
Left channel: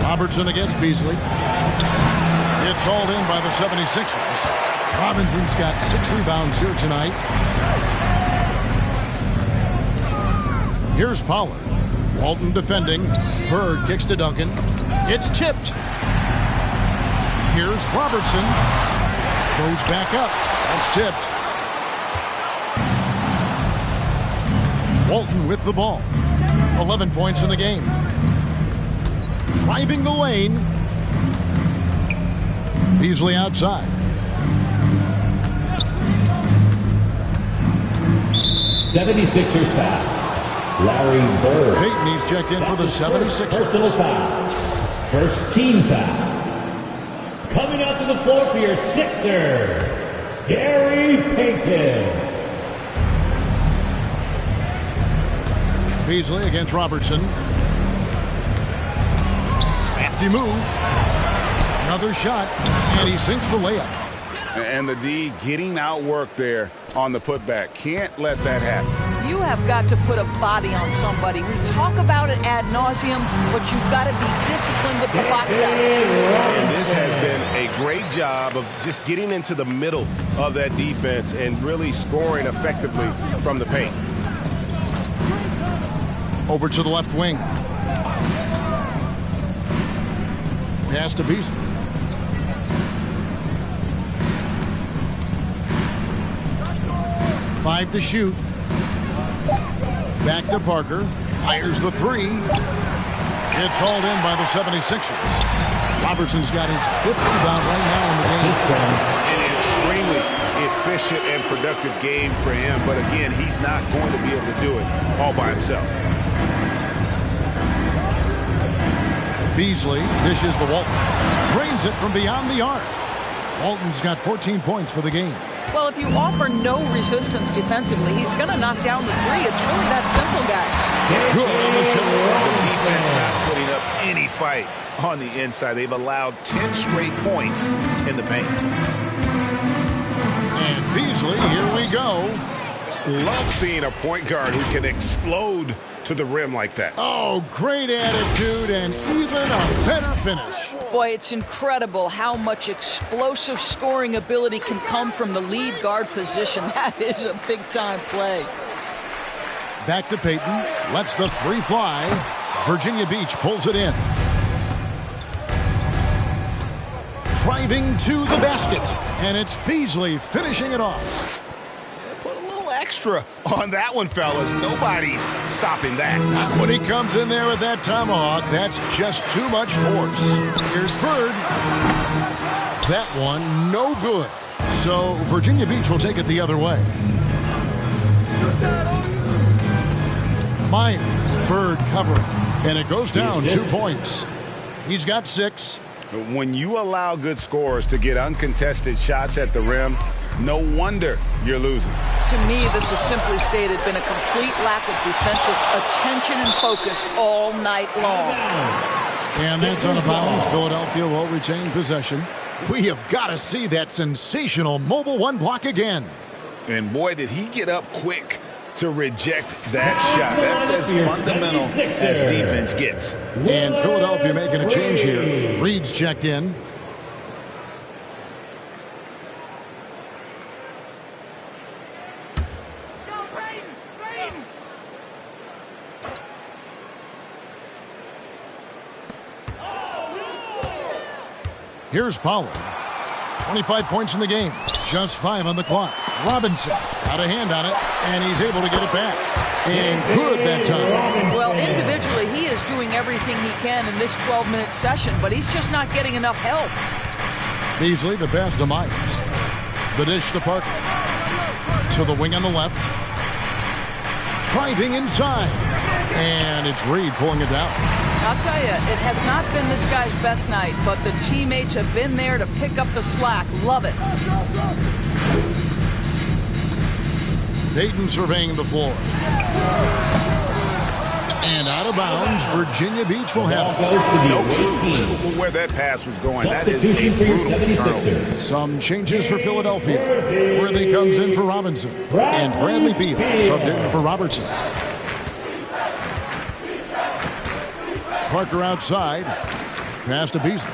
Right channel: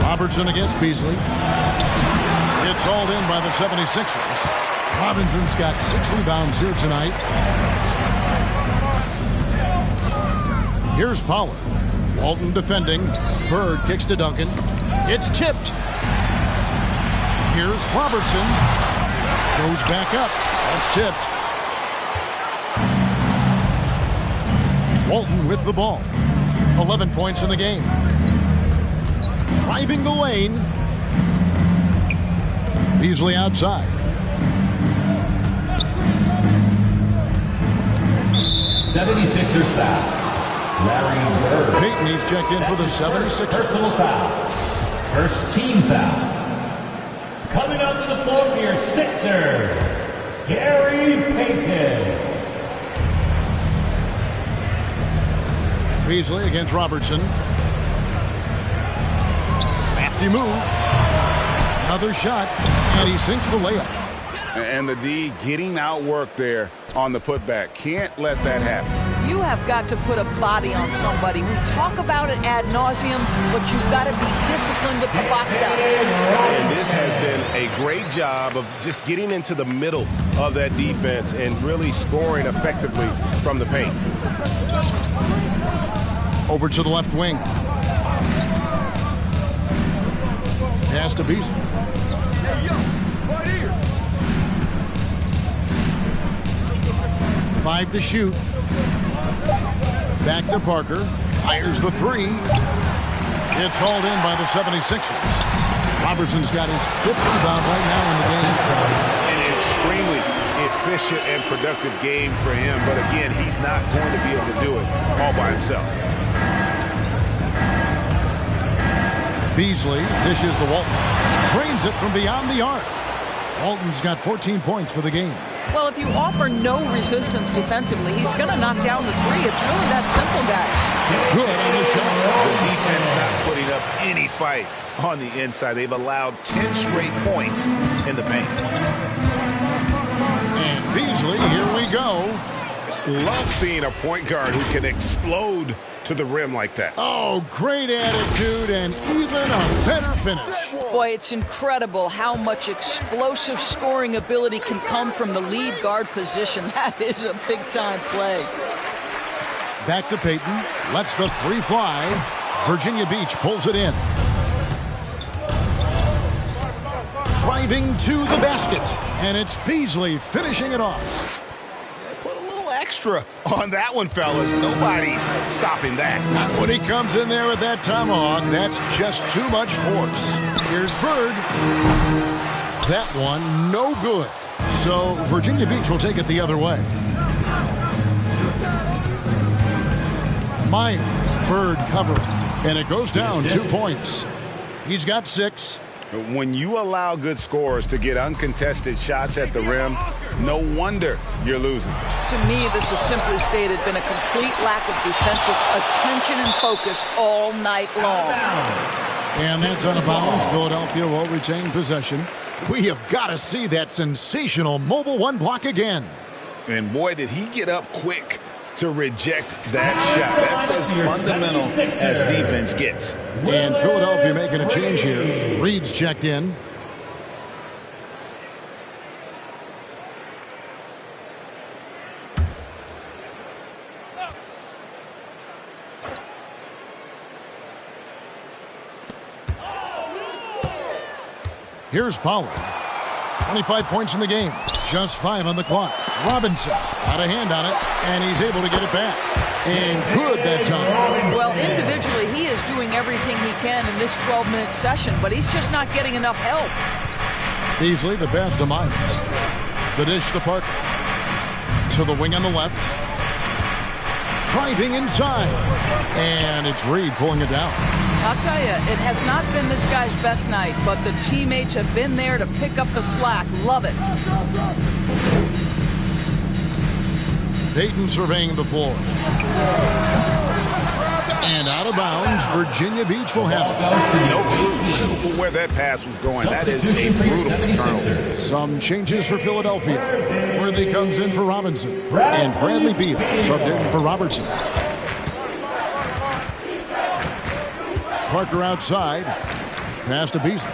Robertson against Beasley. It's hauled in by the 76ers. Robinson's got 6 rebounds here tonight. Here's Pollard. Walton defending. Bird kicks to Duncan. It's tipped. Here's Robertson. Goes back up. That's tipped. Walton with the ball. 11 points in the game. Driving the lane. Beasley outside. 76ers foul. Larry Bird. Payton, he's checked in for the 76ers. Personal foul. First team foul. Coming out to the floor for your Sixers, Gary Payton. Beasley against Robertson. Crafty move. Another shot, and he sinks the layup. And the D getting outworked there on the putback. Can't let that happen. You have got to put a body on somebody. We talk about it ad nauseum, but you've got to be disciplined with the box outs. And this has been a great job of just getting into the middle of that defense and really scoring effectively from the paint. Over to the left wing. Pass to Beasley. Five to shoot. Back to Parker. Fires the 3. It's hauled in by the 76ers. Robertson's got his 5th rebound right now in the game. An extremely efficient and productive game for him. But again, he's not going to be able to do it all by himself. Beasley dishes to Walton. Drains it from beyond the arc. Walton's got 14 points for the game. Well, if you offer no resistance defensively, he's going to knock down the 3. It's really that simple, guys. Good on the shot. The defense not putting up any fight on the inside. They've allowed 10 straight points in the paint. And Beasley, here we go. Love seeing a point guard who can explode to the rim like that. Oh, great attitude and even a better finish. Boy, it's incredible how much explosive scoring ability can come from the lead guard position. That is a big-time play. Back to Payton. Lets the 3 fly. Virginia Beach pulls it in. Driving to the basket. And it's Beasley finishing it off. Put a little extra on that one, fellas. Nobody's stopping that. Not when he comes in there with that tomahawk. That's just too much force. Here's Bird. That one, no good. So Virginia Beach will take it the other way. Myers, Bird covering. And it goes down 2 points. He's got 6. When you allow good scorers to get uncontested shots at the rim, no wonder you're losing. To me, this has simply stated been a complete lack of defensive attention and focus all night long. And that's on a bounce. Philadelphia will retain possession. We have got to see that sensational mobile 1 block again. And boy, did he get up quick to reject that shot. That's as fundamental as defense gets. And Philadelphia making a change here. Reed's checked in. Here's Pollard. 25 points in the game. Just 5 on the clock. Robinson got a hand on it, and he's able to get it back. And good that time. Well, individually, he is doing everything he can in this 12-minute session, but he's just not getting enough help. Beasley, the pass to Myers. The dish to Parker. To the wing on the left. Driving inside. And it's Reed pulling it down. I'll tell you, it has not been this guy's best night, but the teammates have been there to pick up the slack. Love it. Payton surveying the floor. And out of bounds, Virginia Beach will have it. No clue where that pass was going. That is a brutal turnover. Some changes for Philadelphia. Worthy comes in for Robinson. And Bradley Beal subbed in for Robertson. Parker outside. Pass to Beasley.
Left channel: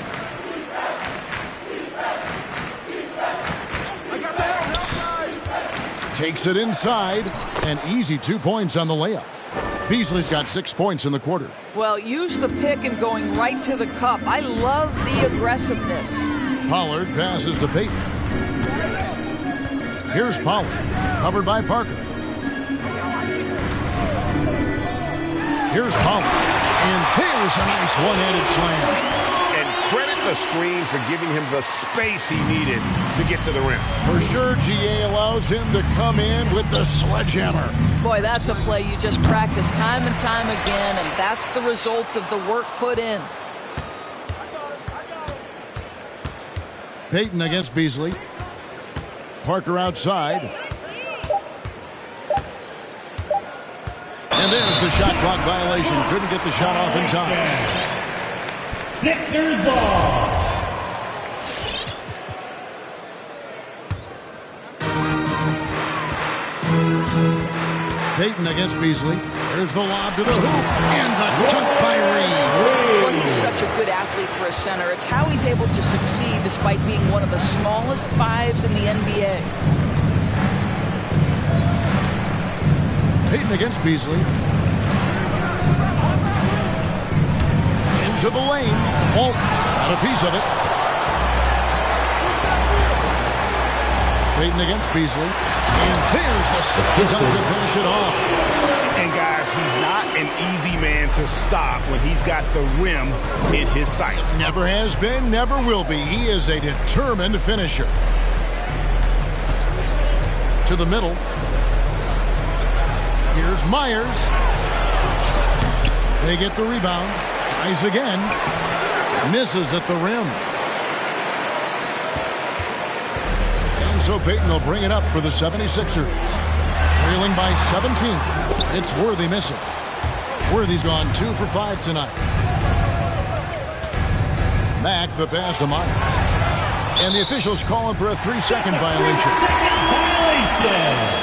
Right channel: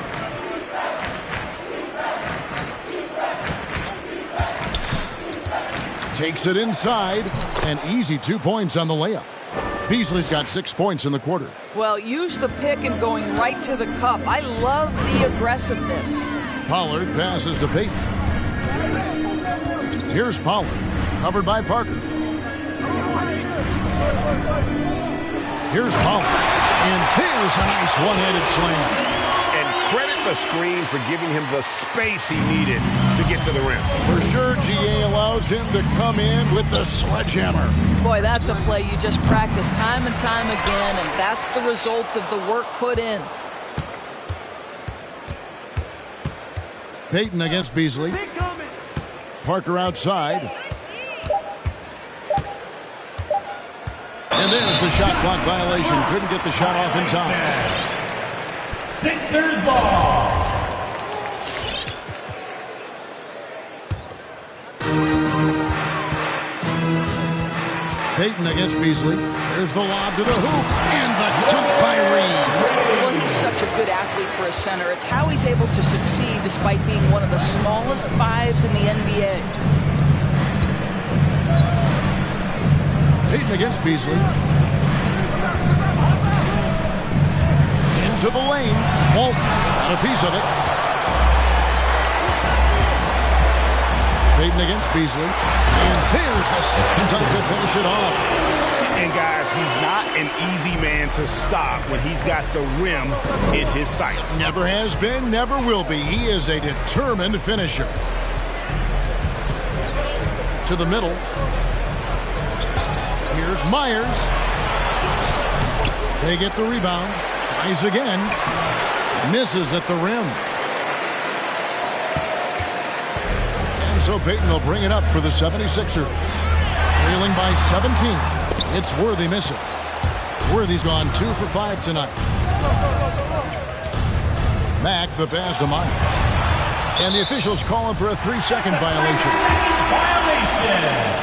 Takes it inside. An easy 2 points on the layup. Beasley's got 6 points in the quarter. Well, use the pick and going right to the cup. I love the aggressiveness. Pollard passes to Payton. Here's Pollard, covered by Parker. Here's Pollard. And there's a nice one-handed slam. And credit the screen for giving him the space he needed to get to the rim. For sure, GA allows him to come in with the sledgehammer. Boy, that's a play you just practice time and time again, and that's the result of the work put in. Payton against Beasley. Parker outside. And there's the shot clock violation. Couldn't get the shot off in time. Sixers ball. Payton against Beasley. There's the lob to the hoop. And the dunk by Reed. Well, he's such a good athlete for a center. It's how he's able to succeed despite being one of the smallest fives in the NBA. Payton against Beasley. Into the lane. Walt got a piece of it. Payton against Beasley. And there's the second dunk to finish it off. And guys, he's not an easy man to stop when he's got the rim in his sights. Never has been, never will be. He is a determined finisher. To the middle. Here's Myers. They get the rebound. Tries again. Misses at the rim. And so Payton will bring it up for the 76ers. Trailing by 17. It's Worthy missing. Worthy's gone 2 for 5 tonight. Mack the pass to Myers. And the officials call him for a 3-second violation. Violation.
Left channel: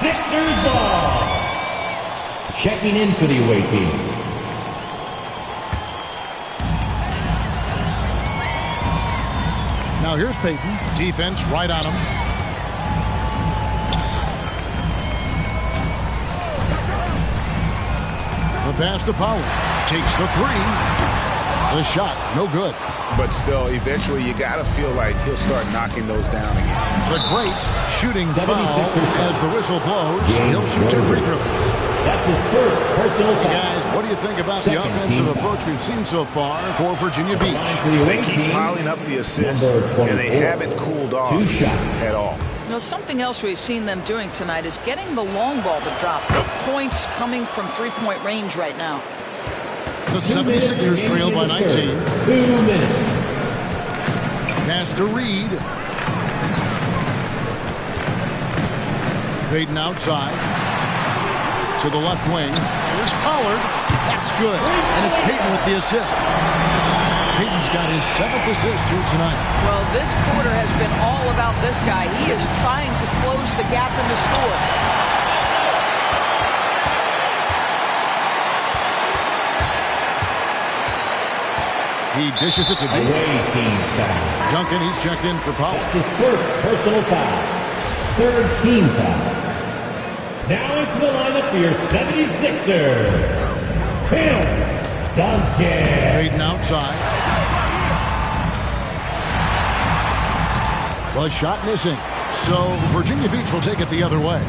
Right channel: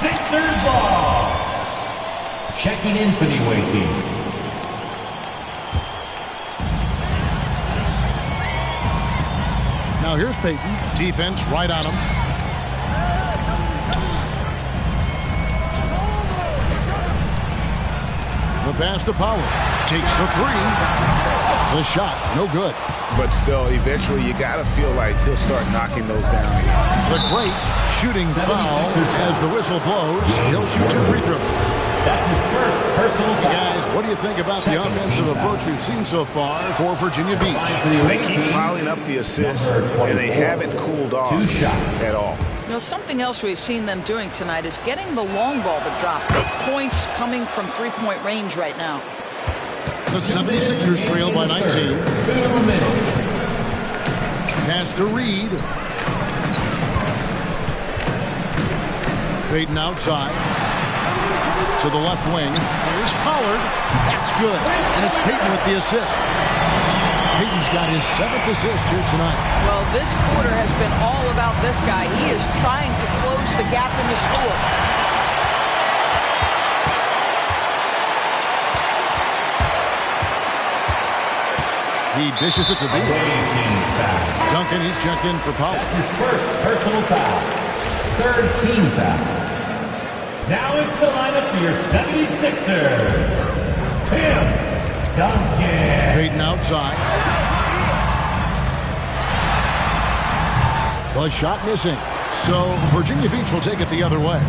Sixers ball. Checking in for the away team. Now here's Payton. Defense right on him. The pass to Pollard. Takes the 3. The shot, no good. But still, eventually you got to feel like he'll start knocking those down again. The great shooting foul as the whistle blows. He'll shoot 2 free throws. That's his first personal foul. Hey guys, what do you think about the offensive approach we've seen so far for Virginia Beach? They keep piling up the assists, and they haven't cooled off at all. You know, something else we've seen them doing tonight is getting the long ball to drop. Points coming from three-point range right now. The 76ers trail by 19. 2 minutes. Pass to Reed. Payton outside. To the left wing. Here's Pollard. That's good. And it's Payton with the assist. Payton's got his 7th assist here tonight. Well, this quarter has been all about this guy. He is trying to close the gap in the score. He dishes it to Beal. Duncan, he's checked in for Pollard. That's his first personal foul. 3rd team foul. Now into the lineup for your 76ers. Tim Duncan. Payton outside. The shot missing. So Virginia Beach will take it the other way.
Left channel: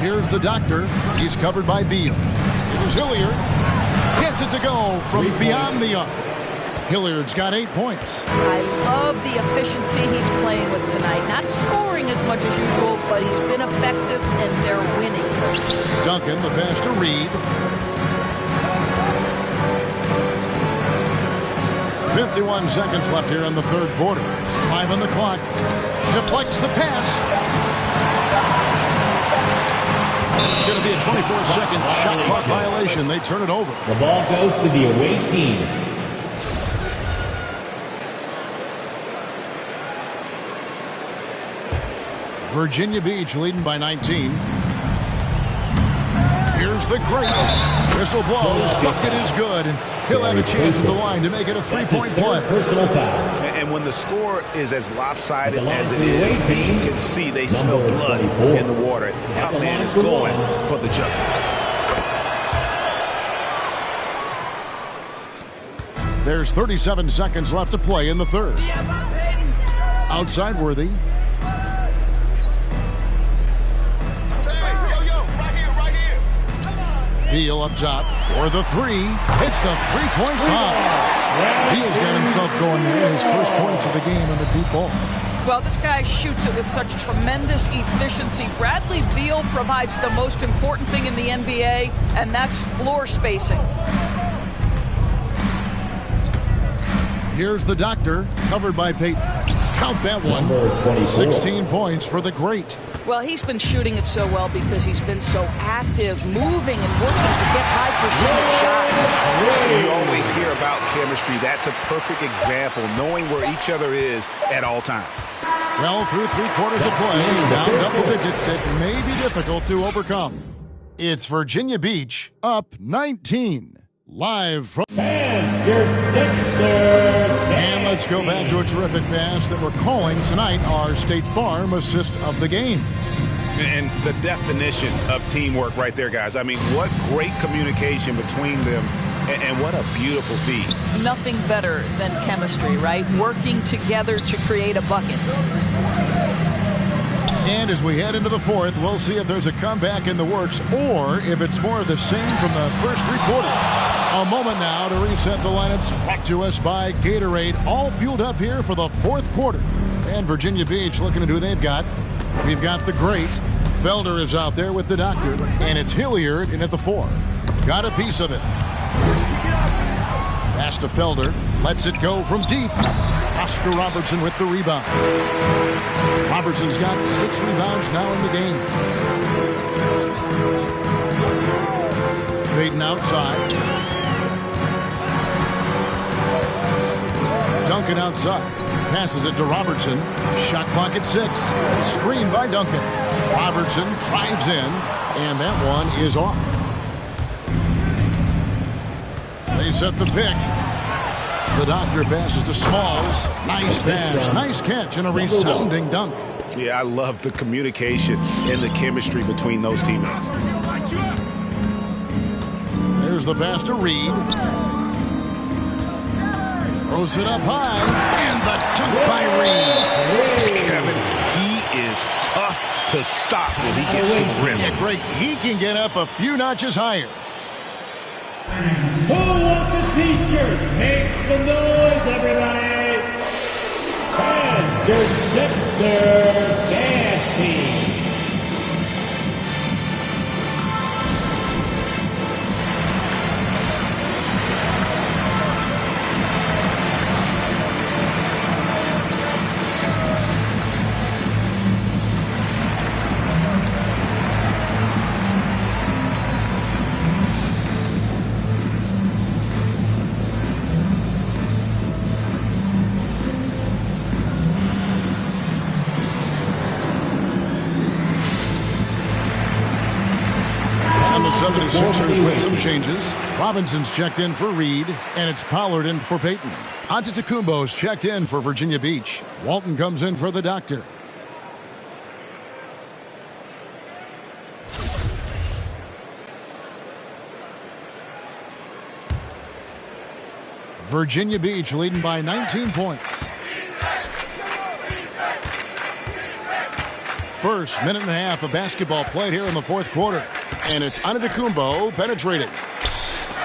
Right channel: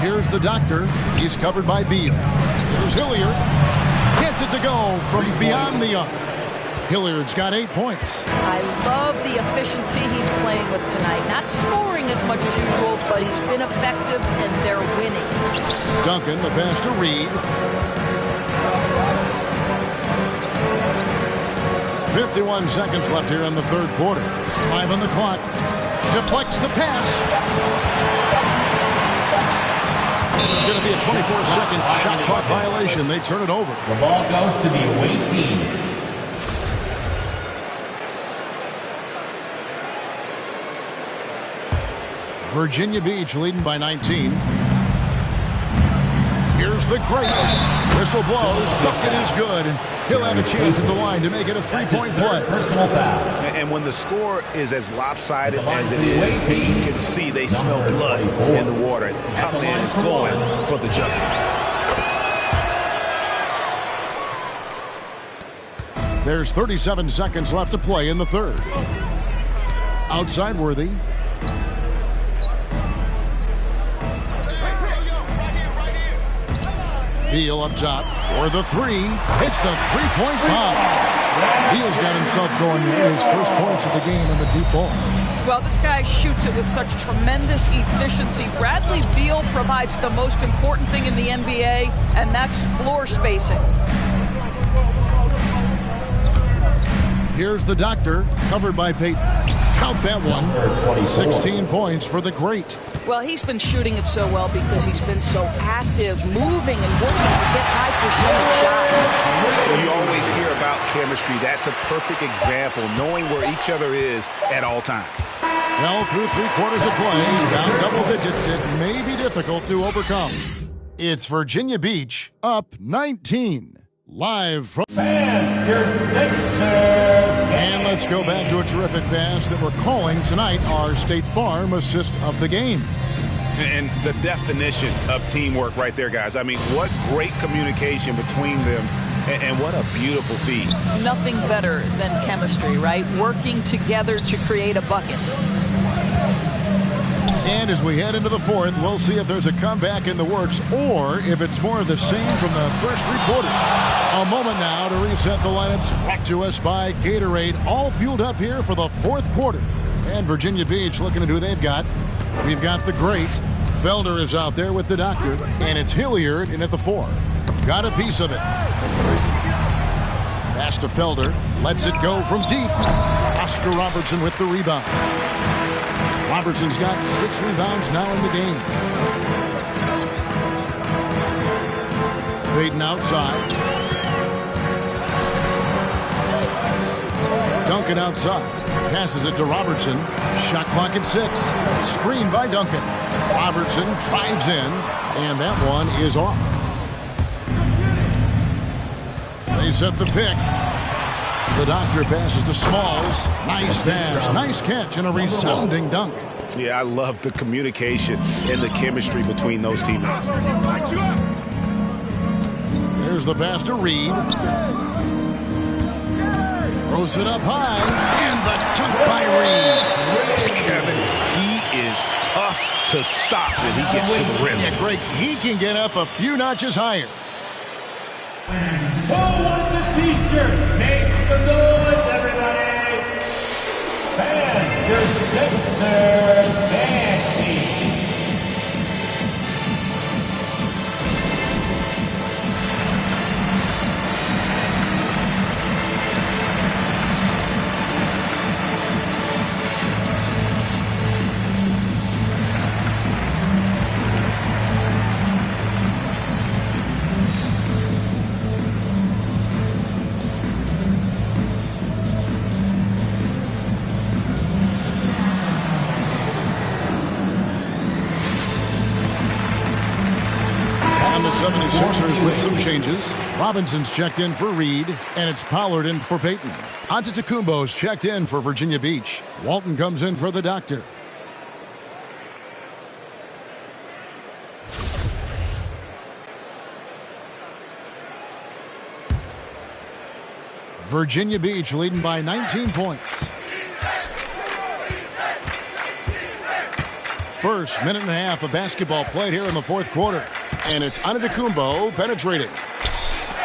Here's the doctor. He's covered by Beal. Here's Hilliard. Gets it to go from beyond the arc. Hilliard's got 8 points. I love the efficiency he's playing with tonight. Not scoring as much as usual, but he's been effective, and they're winning. Duncan, the pass to Reed. 51 seconds left here in the third quarter. 5 on the clock. Deflects the pass. And it's going to be a 24-second shot clock violation. They turn it over. The ball goes to the away team. Virginia Beach leading by 19. Here's the great. Whistle blows. Bucket is good. And he'll have a chance at the line to make it a three-point play. Personal foul. And when the score is as lopsided as it is, you can see they smell blood in the water. That man is going for the jugular. There's 37 seconds left to play in the third. Outside Worthy. Beal up top for the three. Hits the three-point bomb. Beal's got himself going there. His first points of the game on the deep ball. Well, this guy shoots it with such tremendous efficiency. Bradley Beal provides the most important thing in the NBA, and that's floor spacing. Here's the doctor, covered by Peyton. Count that one. 16 points for the great. Well, he's been shooting it so well because he's been so active, moving and working to get high percentage shots. You always hear about chemistry. That's a perfect example, knowing where each other is at all times. Well, through 3 quarters of play, down double digits, it may be difficult to overcome. It's Virginia Beach up 19. Live from... And your Sixers. And let's go back to a terrific pass that we're calling tonight our State Farm assist of the game. And the definition of teamwork right there, guys. I mean, what great communication between them, and what a beautiful feed. Nothing better than chemistry, right? Working together to create a bucket. And as we head into the fourth, we'll see if there's a comeback in the works or if it's more of the same from the first 3 quarters. A moment now to reset the lineups, brought to us by Gatorade, all fueled up here for the fourth quarter. And Virginia Beach looking at who they've got. We've got the great. Felder is out there with the doctor, and it's Hilliard in at the 4. Got a piece of it. Pass to Felder, lets it go from deep. Oscar Robertson with the rebound. Robertson's got 6 rebounds now in the game. Peyton outside. Duncan outside. Passes it to Robertson. Shot clock at 6. Screen by Duncan. Robertson drives in, and that one is off. They set the pick. The doctor passes to Smalls. Nice pass, nice catch, and a resounding dunk. Yeah, I love the communication and the chemistry between those teammates. There's the pass to Reed. Throws it up high, and the dunk by Reed. Kevin, he is tough to stop when he gets to the rim. Yeah, Greg, he can get up a few notches higher. Who wants a t-shirt? Make some noise, everybody! And your Sixers dance team. And the 76ers with some changes. Robinson's checked in for Reed, and it's Pollard in for Peyton. Antetokounmpo's checked in for Virginia Beach. Walton comes in for the doctor. Virginia Beach leading by 19 points. First minute and a half of basketball played here in the fourth quarter. And it's Antetokounmpo penetrating.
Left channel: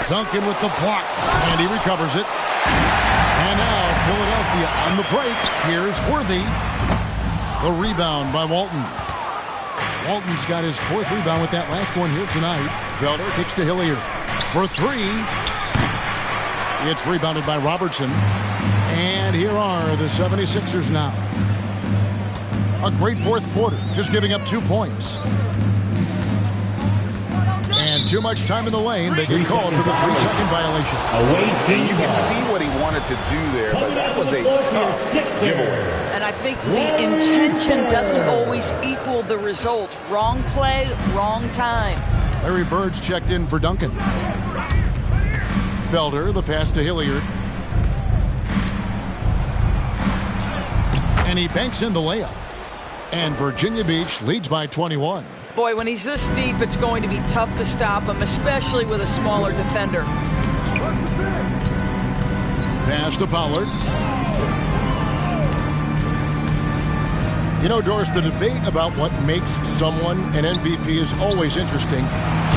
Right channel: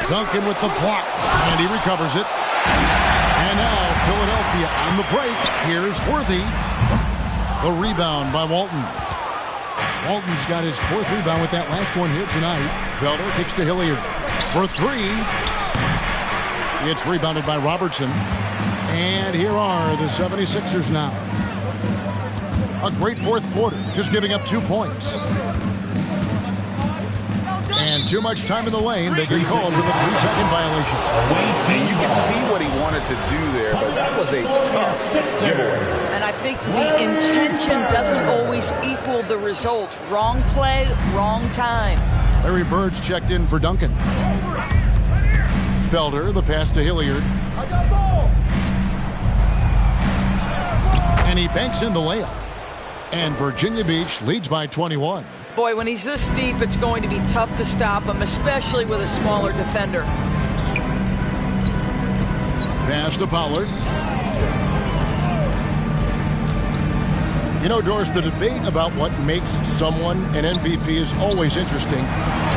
Duncan with the block, and he recovers it. And now Philadelphia on the break. Here's Worthy. The rebound by Walton. Walton's got his fourth rebound with that last one here tonight. Felder kicks to Hilliard for three. It's rebounded by Robertson. And here are the 76ers now. A great fourth quarter, just giving up 2 points. And too much time in the lane. They get called for the 3-second violation. And you can see what he wanted to do there, but that was a tough giveaway. And I think the intention doesn't always equal the result. Wrong play, wrong time. Larry Bird's checked in for Duncan. Felder, the pass to Hilliard. And he banks in the layup. And Virginia Beach leads by 21. Boy, when he's this deep, it's going to be tough to stop him, especially with a smaller defender. Pass to Pollard. You know, Doris, the debate about what makes someone an MVP is always interesting.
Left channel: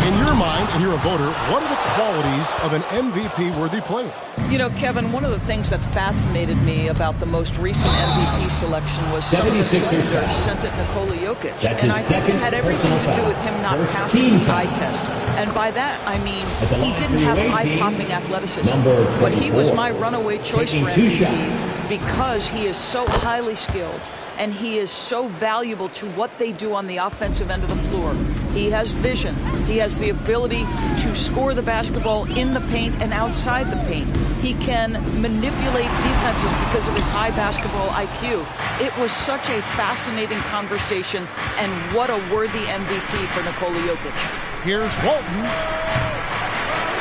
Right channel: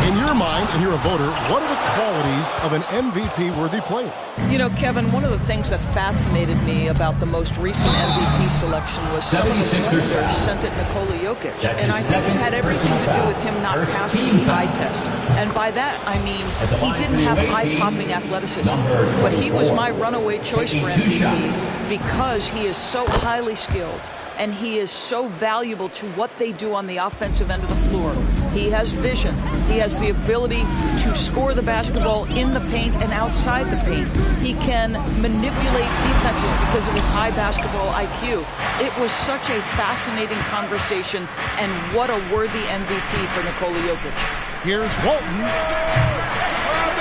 In your mind, and you're a voter, what are the qualities of an MVP-worthy player? You know, Kevin, one of the things that fascinated me about the most recent MVP selection was some of the senators sent at Nikola Jokic. And I think it had everything to do with him not passing the eye test. And by that, I mean, he didn't have eye-popping athleticism. But he was my runaway choice for MVP because he is so highly skilled and he is so valuable to what they do on the offensive end of the floor. He has vision. He has the ability to score the basketball in the paint and outside the paint. He can manipulate defenses because of his high basketball IQ. It was such a fascinating conversation, and what a worthy MVP for Nikola Jokic. Here's Walton.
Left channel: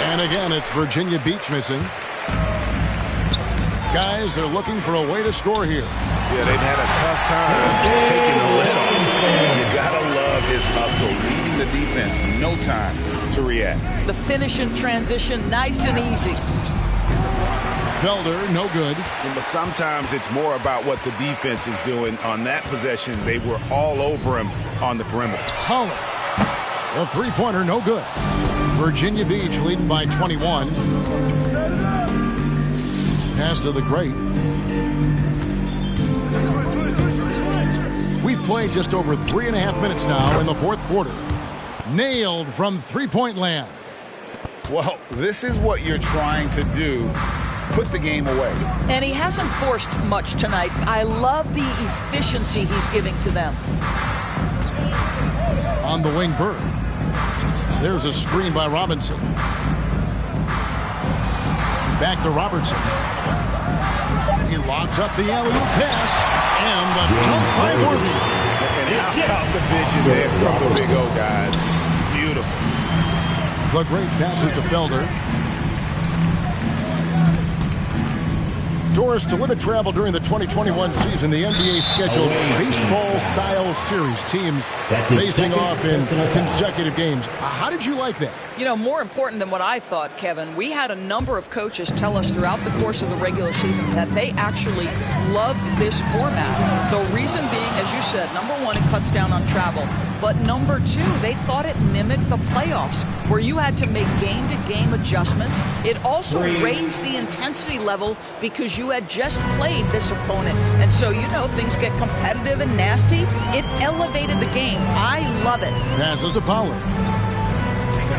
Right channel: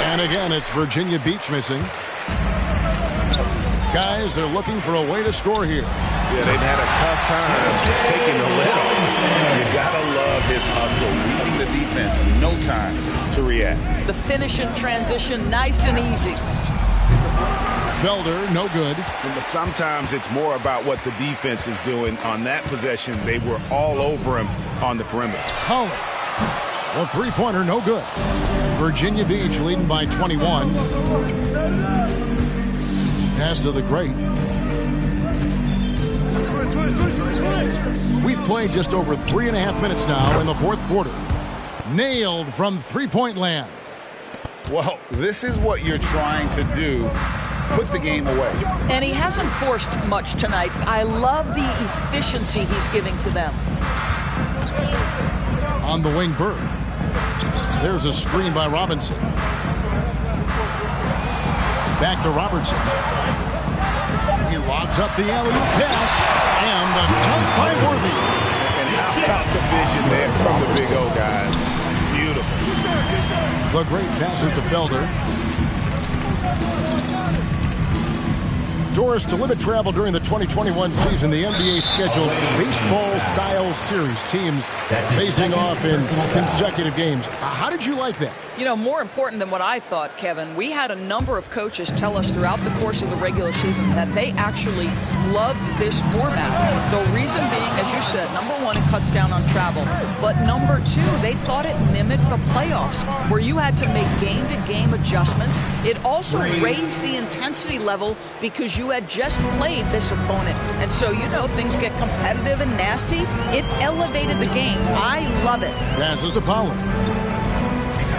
And again, it's Virginia Beach missing. Guys, they're looking for a way to score here. Yeah, they've had a tough time taking the lid off. You gotta love his hustle, leaving the defense no time to react. The finish in transition, nice and easy. Felder, no good. But sometimes it's more about what the defense is doing. On that possession, they were all over him on the perimeter. Pollard, the three-pointer, no good. Virginia Beach leading by 21. Pass to the great. We've played just over 3.5 minutes now in the fourth quarter. Nailed from three-point land. Well, this is what you're trying to do. Put the game away. And he hasn't forced much tonight. I love the efficiency he's giving to them. On the wing, Bird. There's a screen by Robinson. Back to Robertson. He lobs up the alley-oop pass. And the dunk by Worthy. And how about the vision there from the Big O guys? Beautiful. The great passes to Felder. Doris, to limit travel during the 2021 season, the NBA scheduled baseball-style series, teams facing off in consecutive games. How did you like that? You know, more important than what I thought, Kevin, we had a number of coaches tell us throughout the course of the regular season that they actually loved this format. The reason being, as you said, number one, it cuts down on travel. But number two, they thought it mimicked the playoffs, where you had to make game-to-game adjustments. It also raised the intensity level because you had just played this opponent. And so, you know, things get competitive and nasty. It elevated the game. I love it. Passes to Pollard.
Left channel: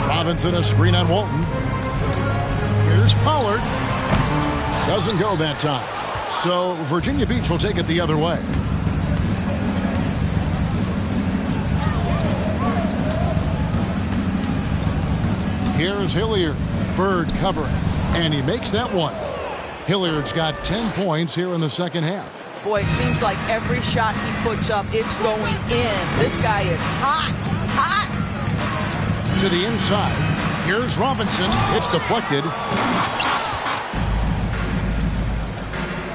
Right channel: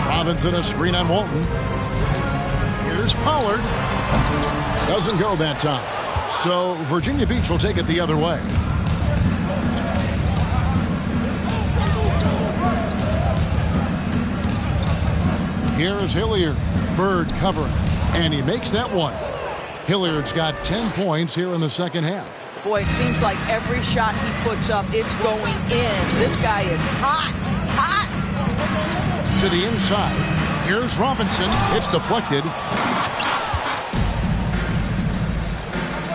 Robinson, a screen on Walton. Here's Pollard. Doesn't go that time. So Virginia Beach will take it the other way. Here's Hilliard. Bird covering. And he makes that one. Hilliard's got 10 points here in the second half. Boy, it seems like every shot he puts up, it's going in. This guy is hot, hot. To the inside. Here's Robinson. It's deflected.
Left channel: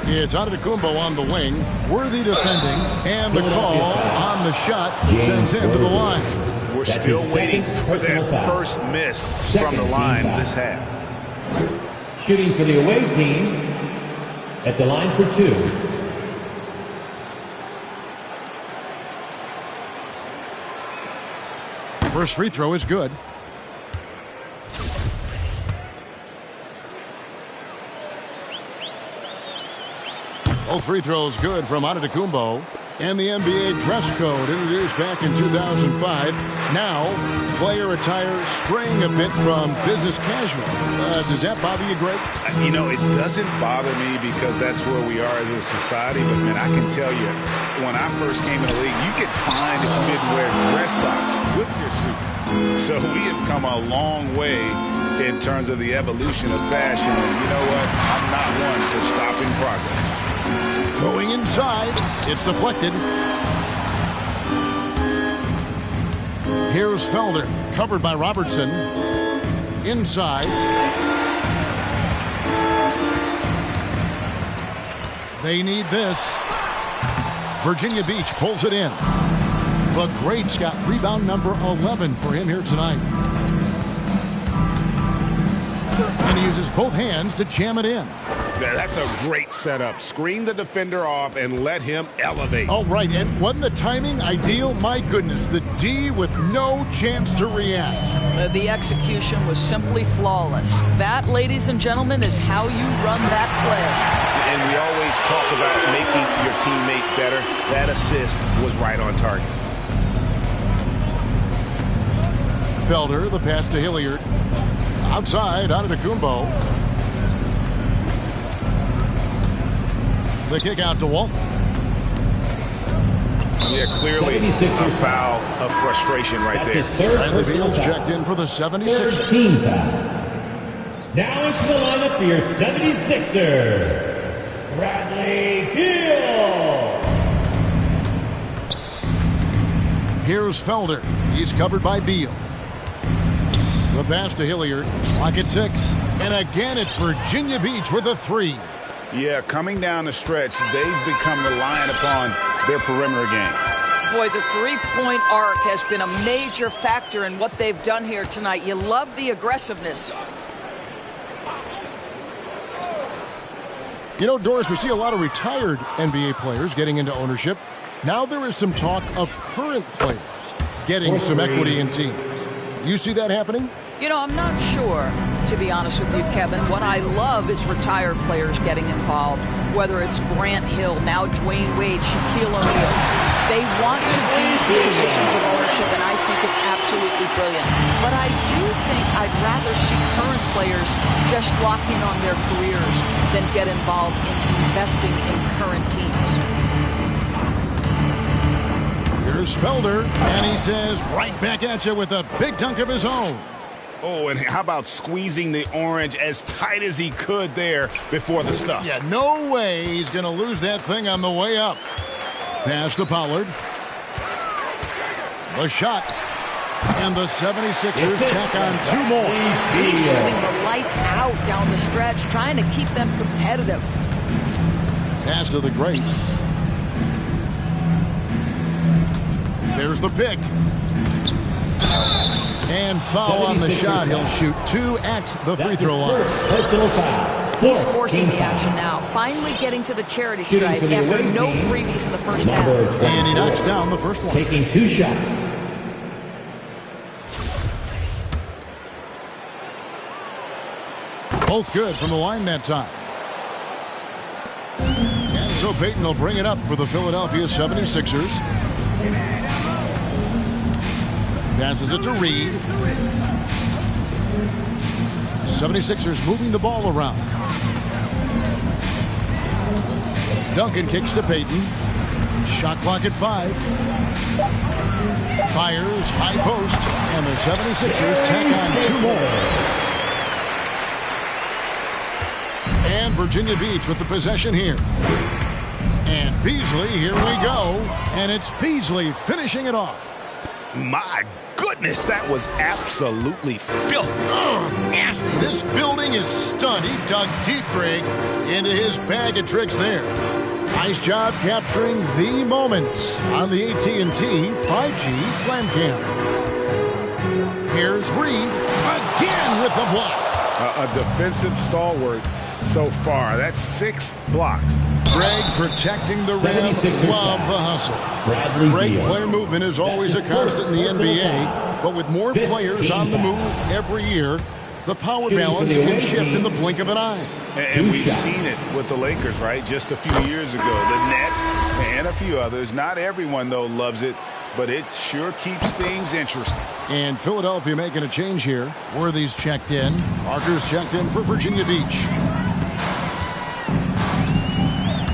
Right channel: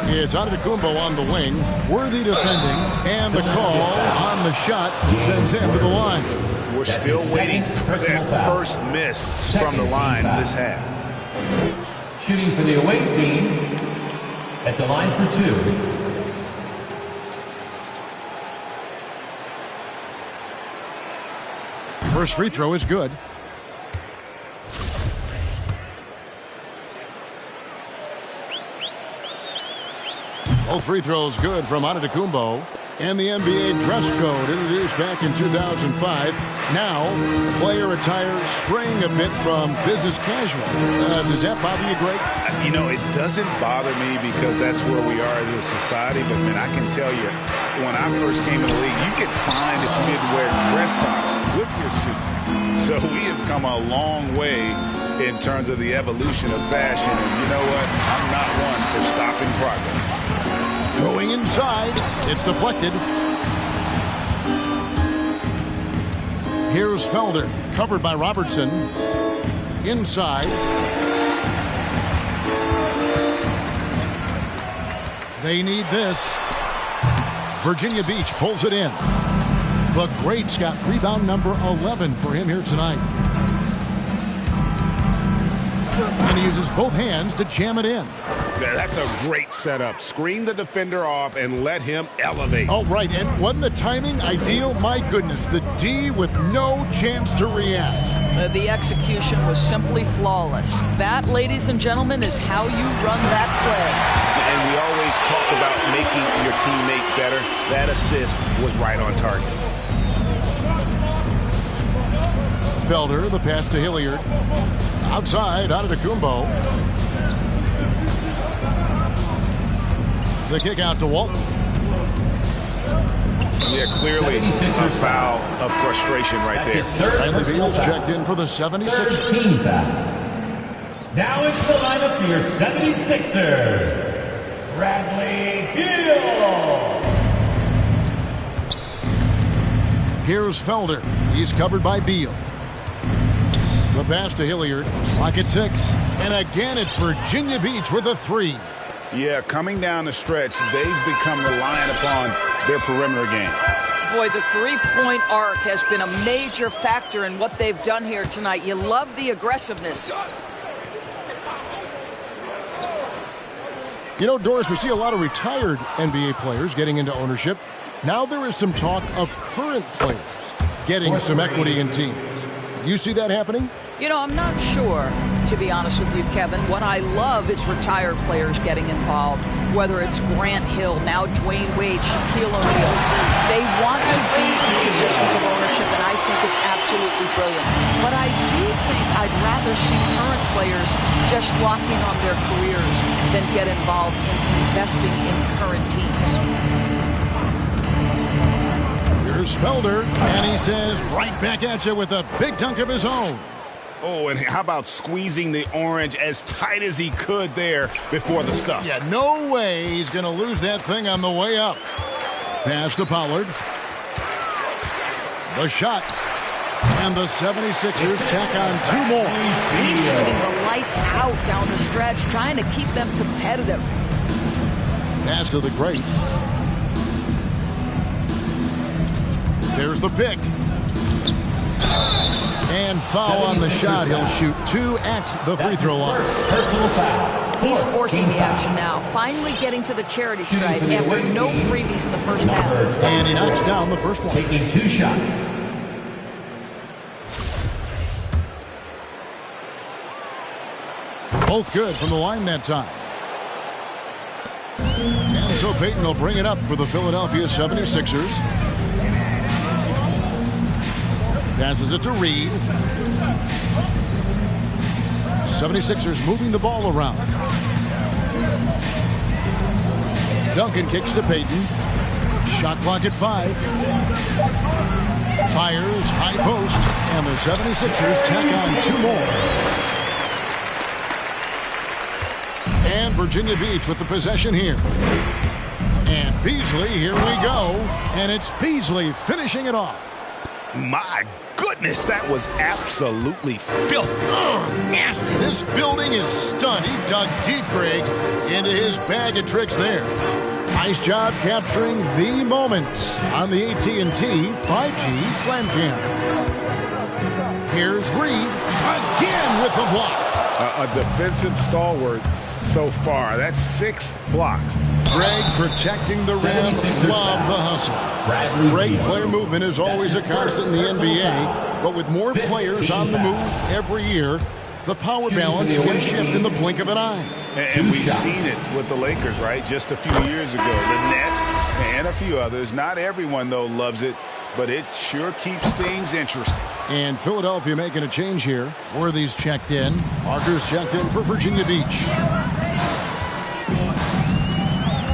It's Antetokounmpo on the wing. Worthy defending. And the call on the shot sends him to the line. We're still waiting for that first miss from the line this half. Shooting for the away team at the line for 2. First free throw is good. Both free throws good from Antetokounmpo. And the NBA dress code introduced back in 2005. Now, player attire straying a bit from business casual. Does that bother you, Greg? You know, it doesn't bother me because that's where we are as a society. But, man, I can tell you, when I first came in the league, you get fined if you didn't wear dress socks with your suit. So we have come a long way in terms of the evolution of fashion. And you know what? I'm not one for stopping progress. Going inside. It's deflected. Here's Felder. Covered by Robertson. Inside. They need this. Virginia Beach pulls it in. The great's got rebound number 11 for him here tonight. And he uses both hands to jam it in. That's a great setup. Screen the defender off and let him elevate. Oh, right. And wasn't the timing ideal? My goodness, the D with no chance to react. The execution was simply flawless. That, ladies and gentlemen, is how you run that play. And we always talk about making your teammate better. That assist was right on target. Felder, the pass to Hilliard. Outside, Antetokounmpo. The kick out to Walton. Yeah, clearly a foul of frustration right there. Bradley Beal's checked in for the 76ers. Team foul. Now it's the lineup for your 76ers. Bradley Beal. Here's Felder. He's covered by Beal. The pass to Hilliard. Clock at 6. And again, it's Virginia Beach with a 3. Yeah, coming down the stretch, they've become reliant upon their perimeter game. Boy, the three-point arc has been a major factor in what they've done here tonight. You love the aggressiveness. You know, Doris, we see a lot of retired NBA players getting into ownership. Now there is some talk of current players getting some equity in teams. You see that happening? You know, I'm not sure, to be honest with you, Kevin. What I love is retired players getting involved, whether it's Grant Hill, now Dwayne Wade, Shaquille O'Neal. They want to be in positions of ownership, and I think it's absolutely brilliant. But I do think I'd rather see current players just lock in on their careers than get involved in investing in current teams. Here's Felder, and he says right back at you with a big dunk of his own. Oh, and how about squeezing the orange as tight as he could there before the stuff? Yeah, no way he's going to lose that thing on the way up. Pass to Pollard. The shot. And the 76ers tack on 2 more. He's shooting the lights out down the stretch, trying to keep them competitive. Pass to the great. There's the pick. And foul on the shot. He'll shoot 2 at the free throw line. Personal foul. He's forcing the action now, finally getting to the charity stripe after no freebies in the first half. And he knocks down the first one. Taking 2 shots. Both good from the line that time. And so Payton will bring it up for the Philadelphia 76ers. Passes it to Reed. 76ers moving the ball around. Duncan kicks to Payton. Shot clock at 5. Fires, high post, and the 76ers tack on 2 more. And Virginia Beach with the possession here. And Beasley, here we go. And it's Beasley finishing it off. My goodness, that was absolutely filthy. Nasty. This building is stunned. He dug deep, Greg, into his bag of tricks there. Nice job capturing the moments on the AT&T 5G Slam Cam. Here's Reed again with the block. a defensive stalwart so far. That's 6 blocks. Greg protecting the rim. Love the hustle. Great player movement is always a constant in the NBA, but with more players on the move every year, the power balance can shift in the blink of an eye. And we've seen it with the Lakers, right? Just a few years ago. The Nets and a few others. Not everyone, though, loves it, but it sure keeps things interesting. And Philadelphia making a change here. Worthy's checked in. Parker's checked in for Virginia Beach.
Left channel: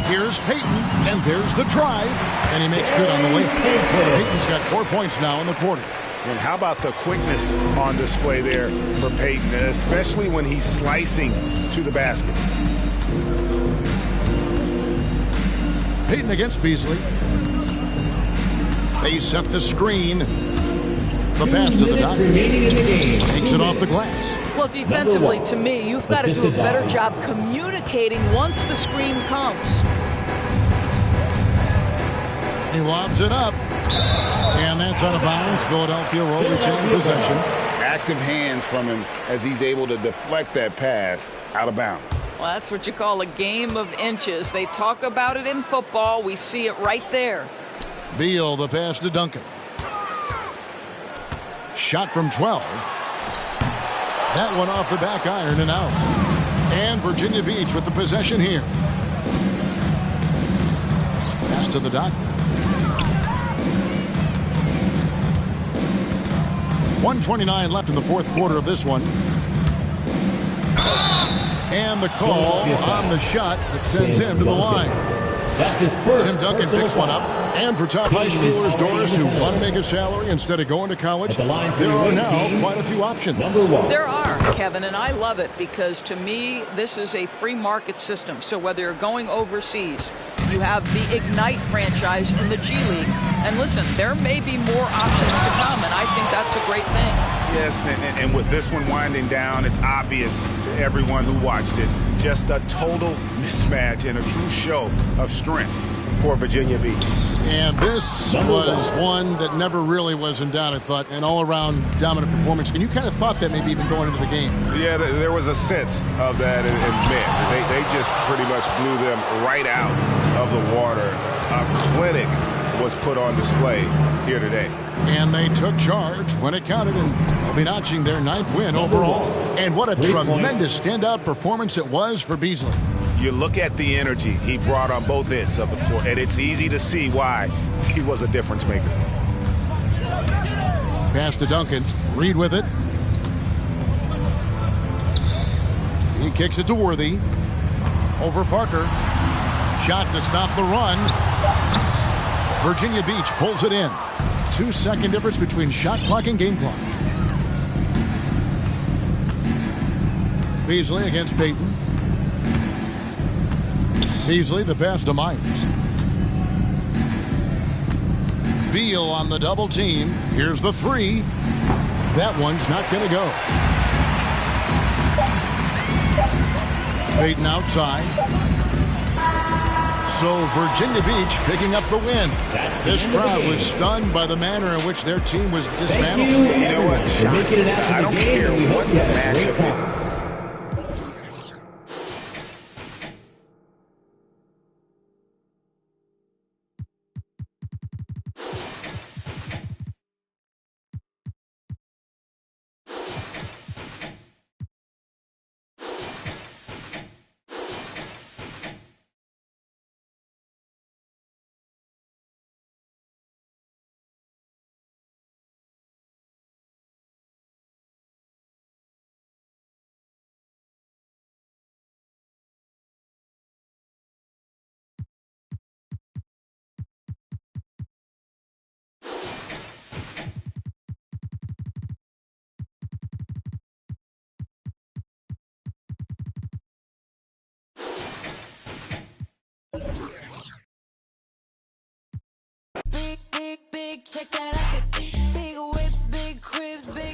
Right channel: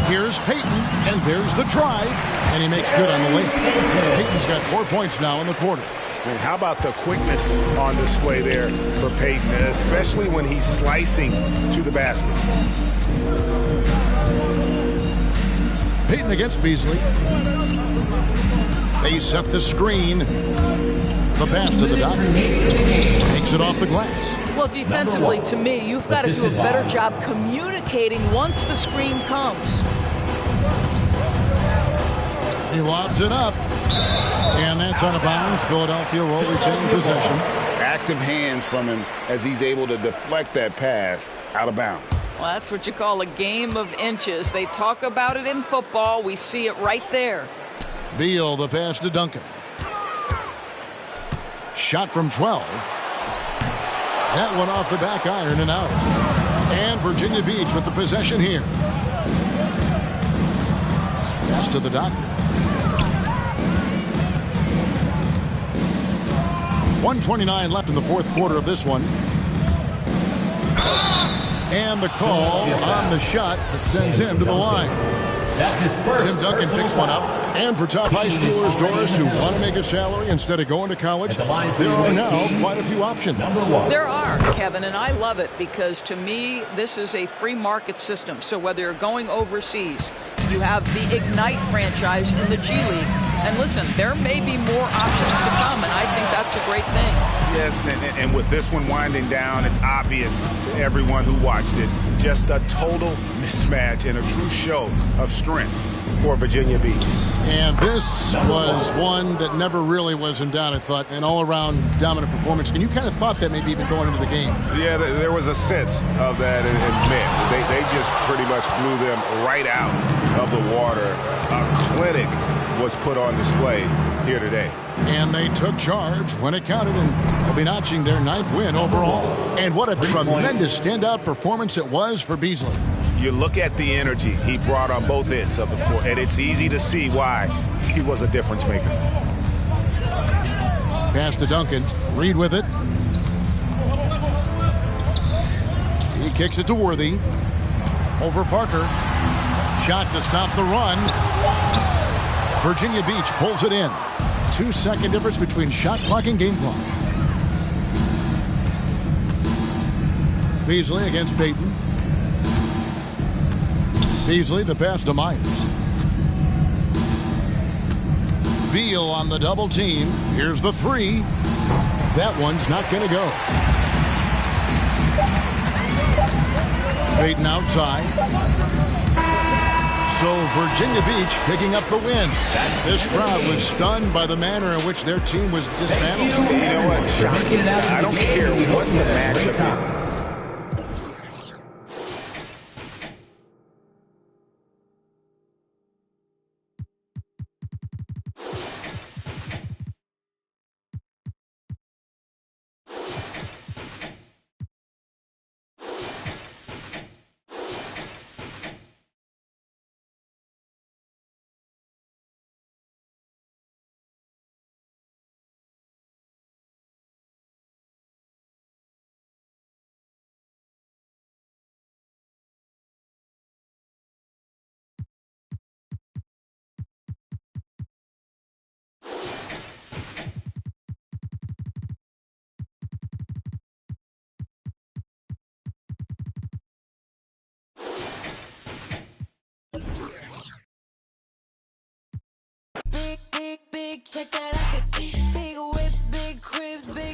Here's Payton, and there's the drive, and he makes good on the layup. Payton's got 4 points now in the quarter. And how about the quickness on display there for Payton, especially when he's slicing to the basket. Payton against Beasley. They set the screen. The pass to the doctor. Takes it off the glass. Well, defensively, to me, you've got to do a better job communicating once the screen comes. He lobs it up. And that's out of bounds. Philadelphia will retain possession. Active hands from him as he's able to deflect that pass out of bounds. Well, that's what you call a game of inches. They talk about it in football. We see it right there. Beal, the pass to Duncan. Shot from 12. That one off the back iron and out. And Virginia Beach with the possession here. Pass to the doctor. 1:29 left in the fourth quarter of this one. And the call on the shot that sends him to the line. Tim Duncan picks one up. And for top high schoolers, Doris, who want to make a salary instead of going to college, there are now quite a few options. There are, Kevin, and I love it because to me, this is a free market system. So whether you're going overseas, you have the Ignite franchise in the G League. And listen, there may be more options to come, and I think that's a great thing. Yes, and with this one winding down, it's obvious to everyone who watched it. Just a total mismatch and a true show of strength for Virginia Beach. And this was one that never really was in doubt, I thought, an all-around dominant performance. And you kind of thought that maybe even going into the game. Yeah, there was a sense of that, and man, they just pretty much blew them right out of the water. A clinic was put on display here today. And they took charge when it counted, and they'll be notching their 9th win overall. And what a tremendous standout performance it was for Beasley. You look at the energy he brought on both ends of the floor, and it's easy to see why he was a difference maker. Pass to Duncan. Reed with it. He kicks it to Worthy. Over Parker. Shot to stop the run. Virginia Beach pulls it in. 2-second difference between shot clock and game clock. Beasley against Payton. Beasley, the pass to Myers. Beal on the double team. Here's the three. That one's not going to go. Payton outside. So Virginia Beach picking up the win. This crowd was stunned by the manner in which their team was dismantled. You know what? Shocking. I don't care what the matchup is. Check that, I can see big whips, big cribs, big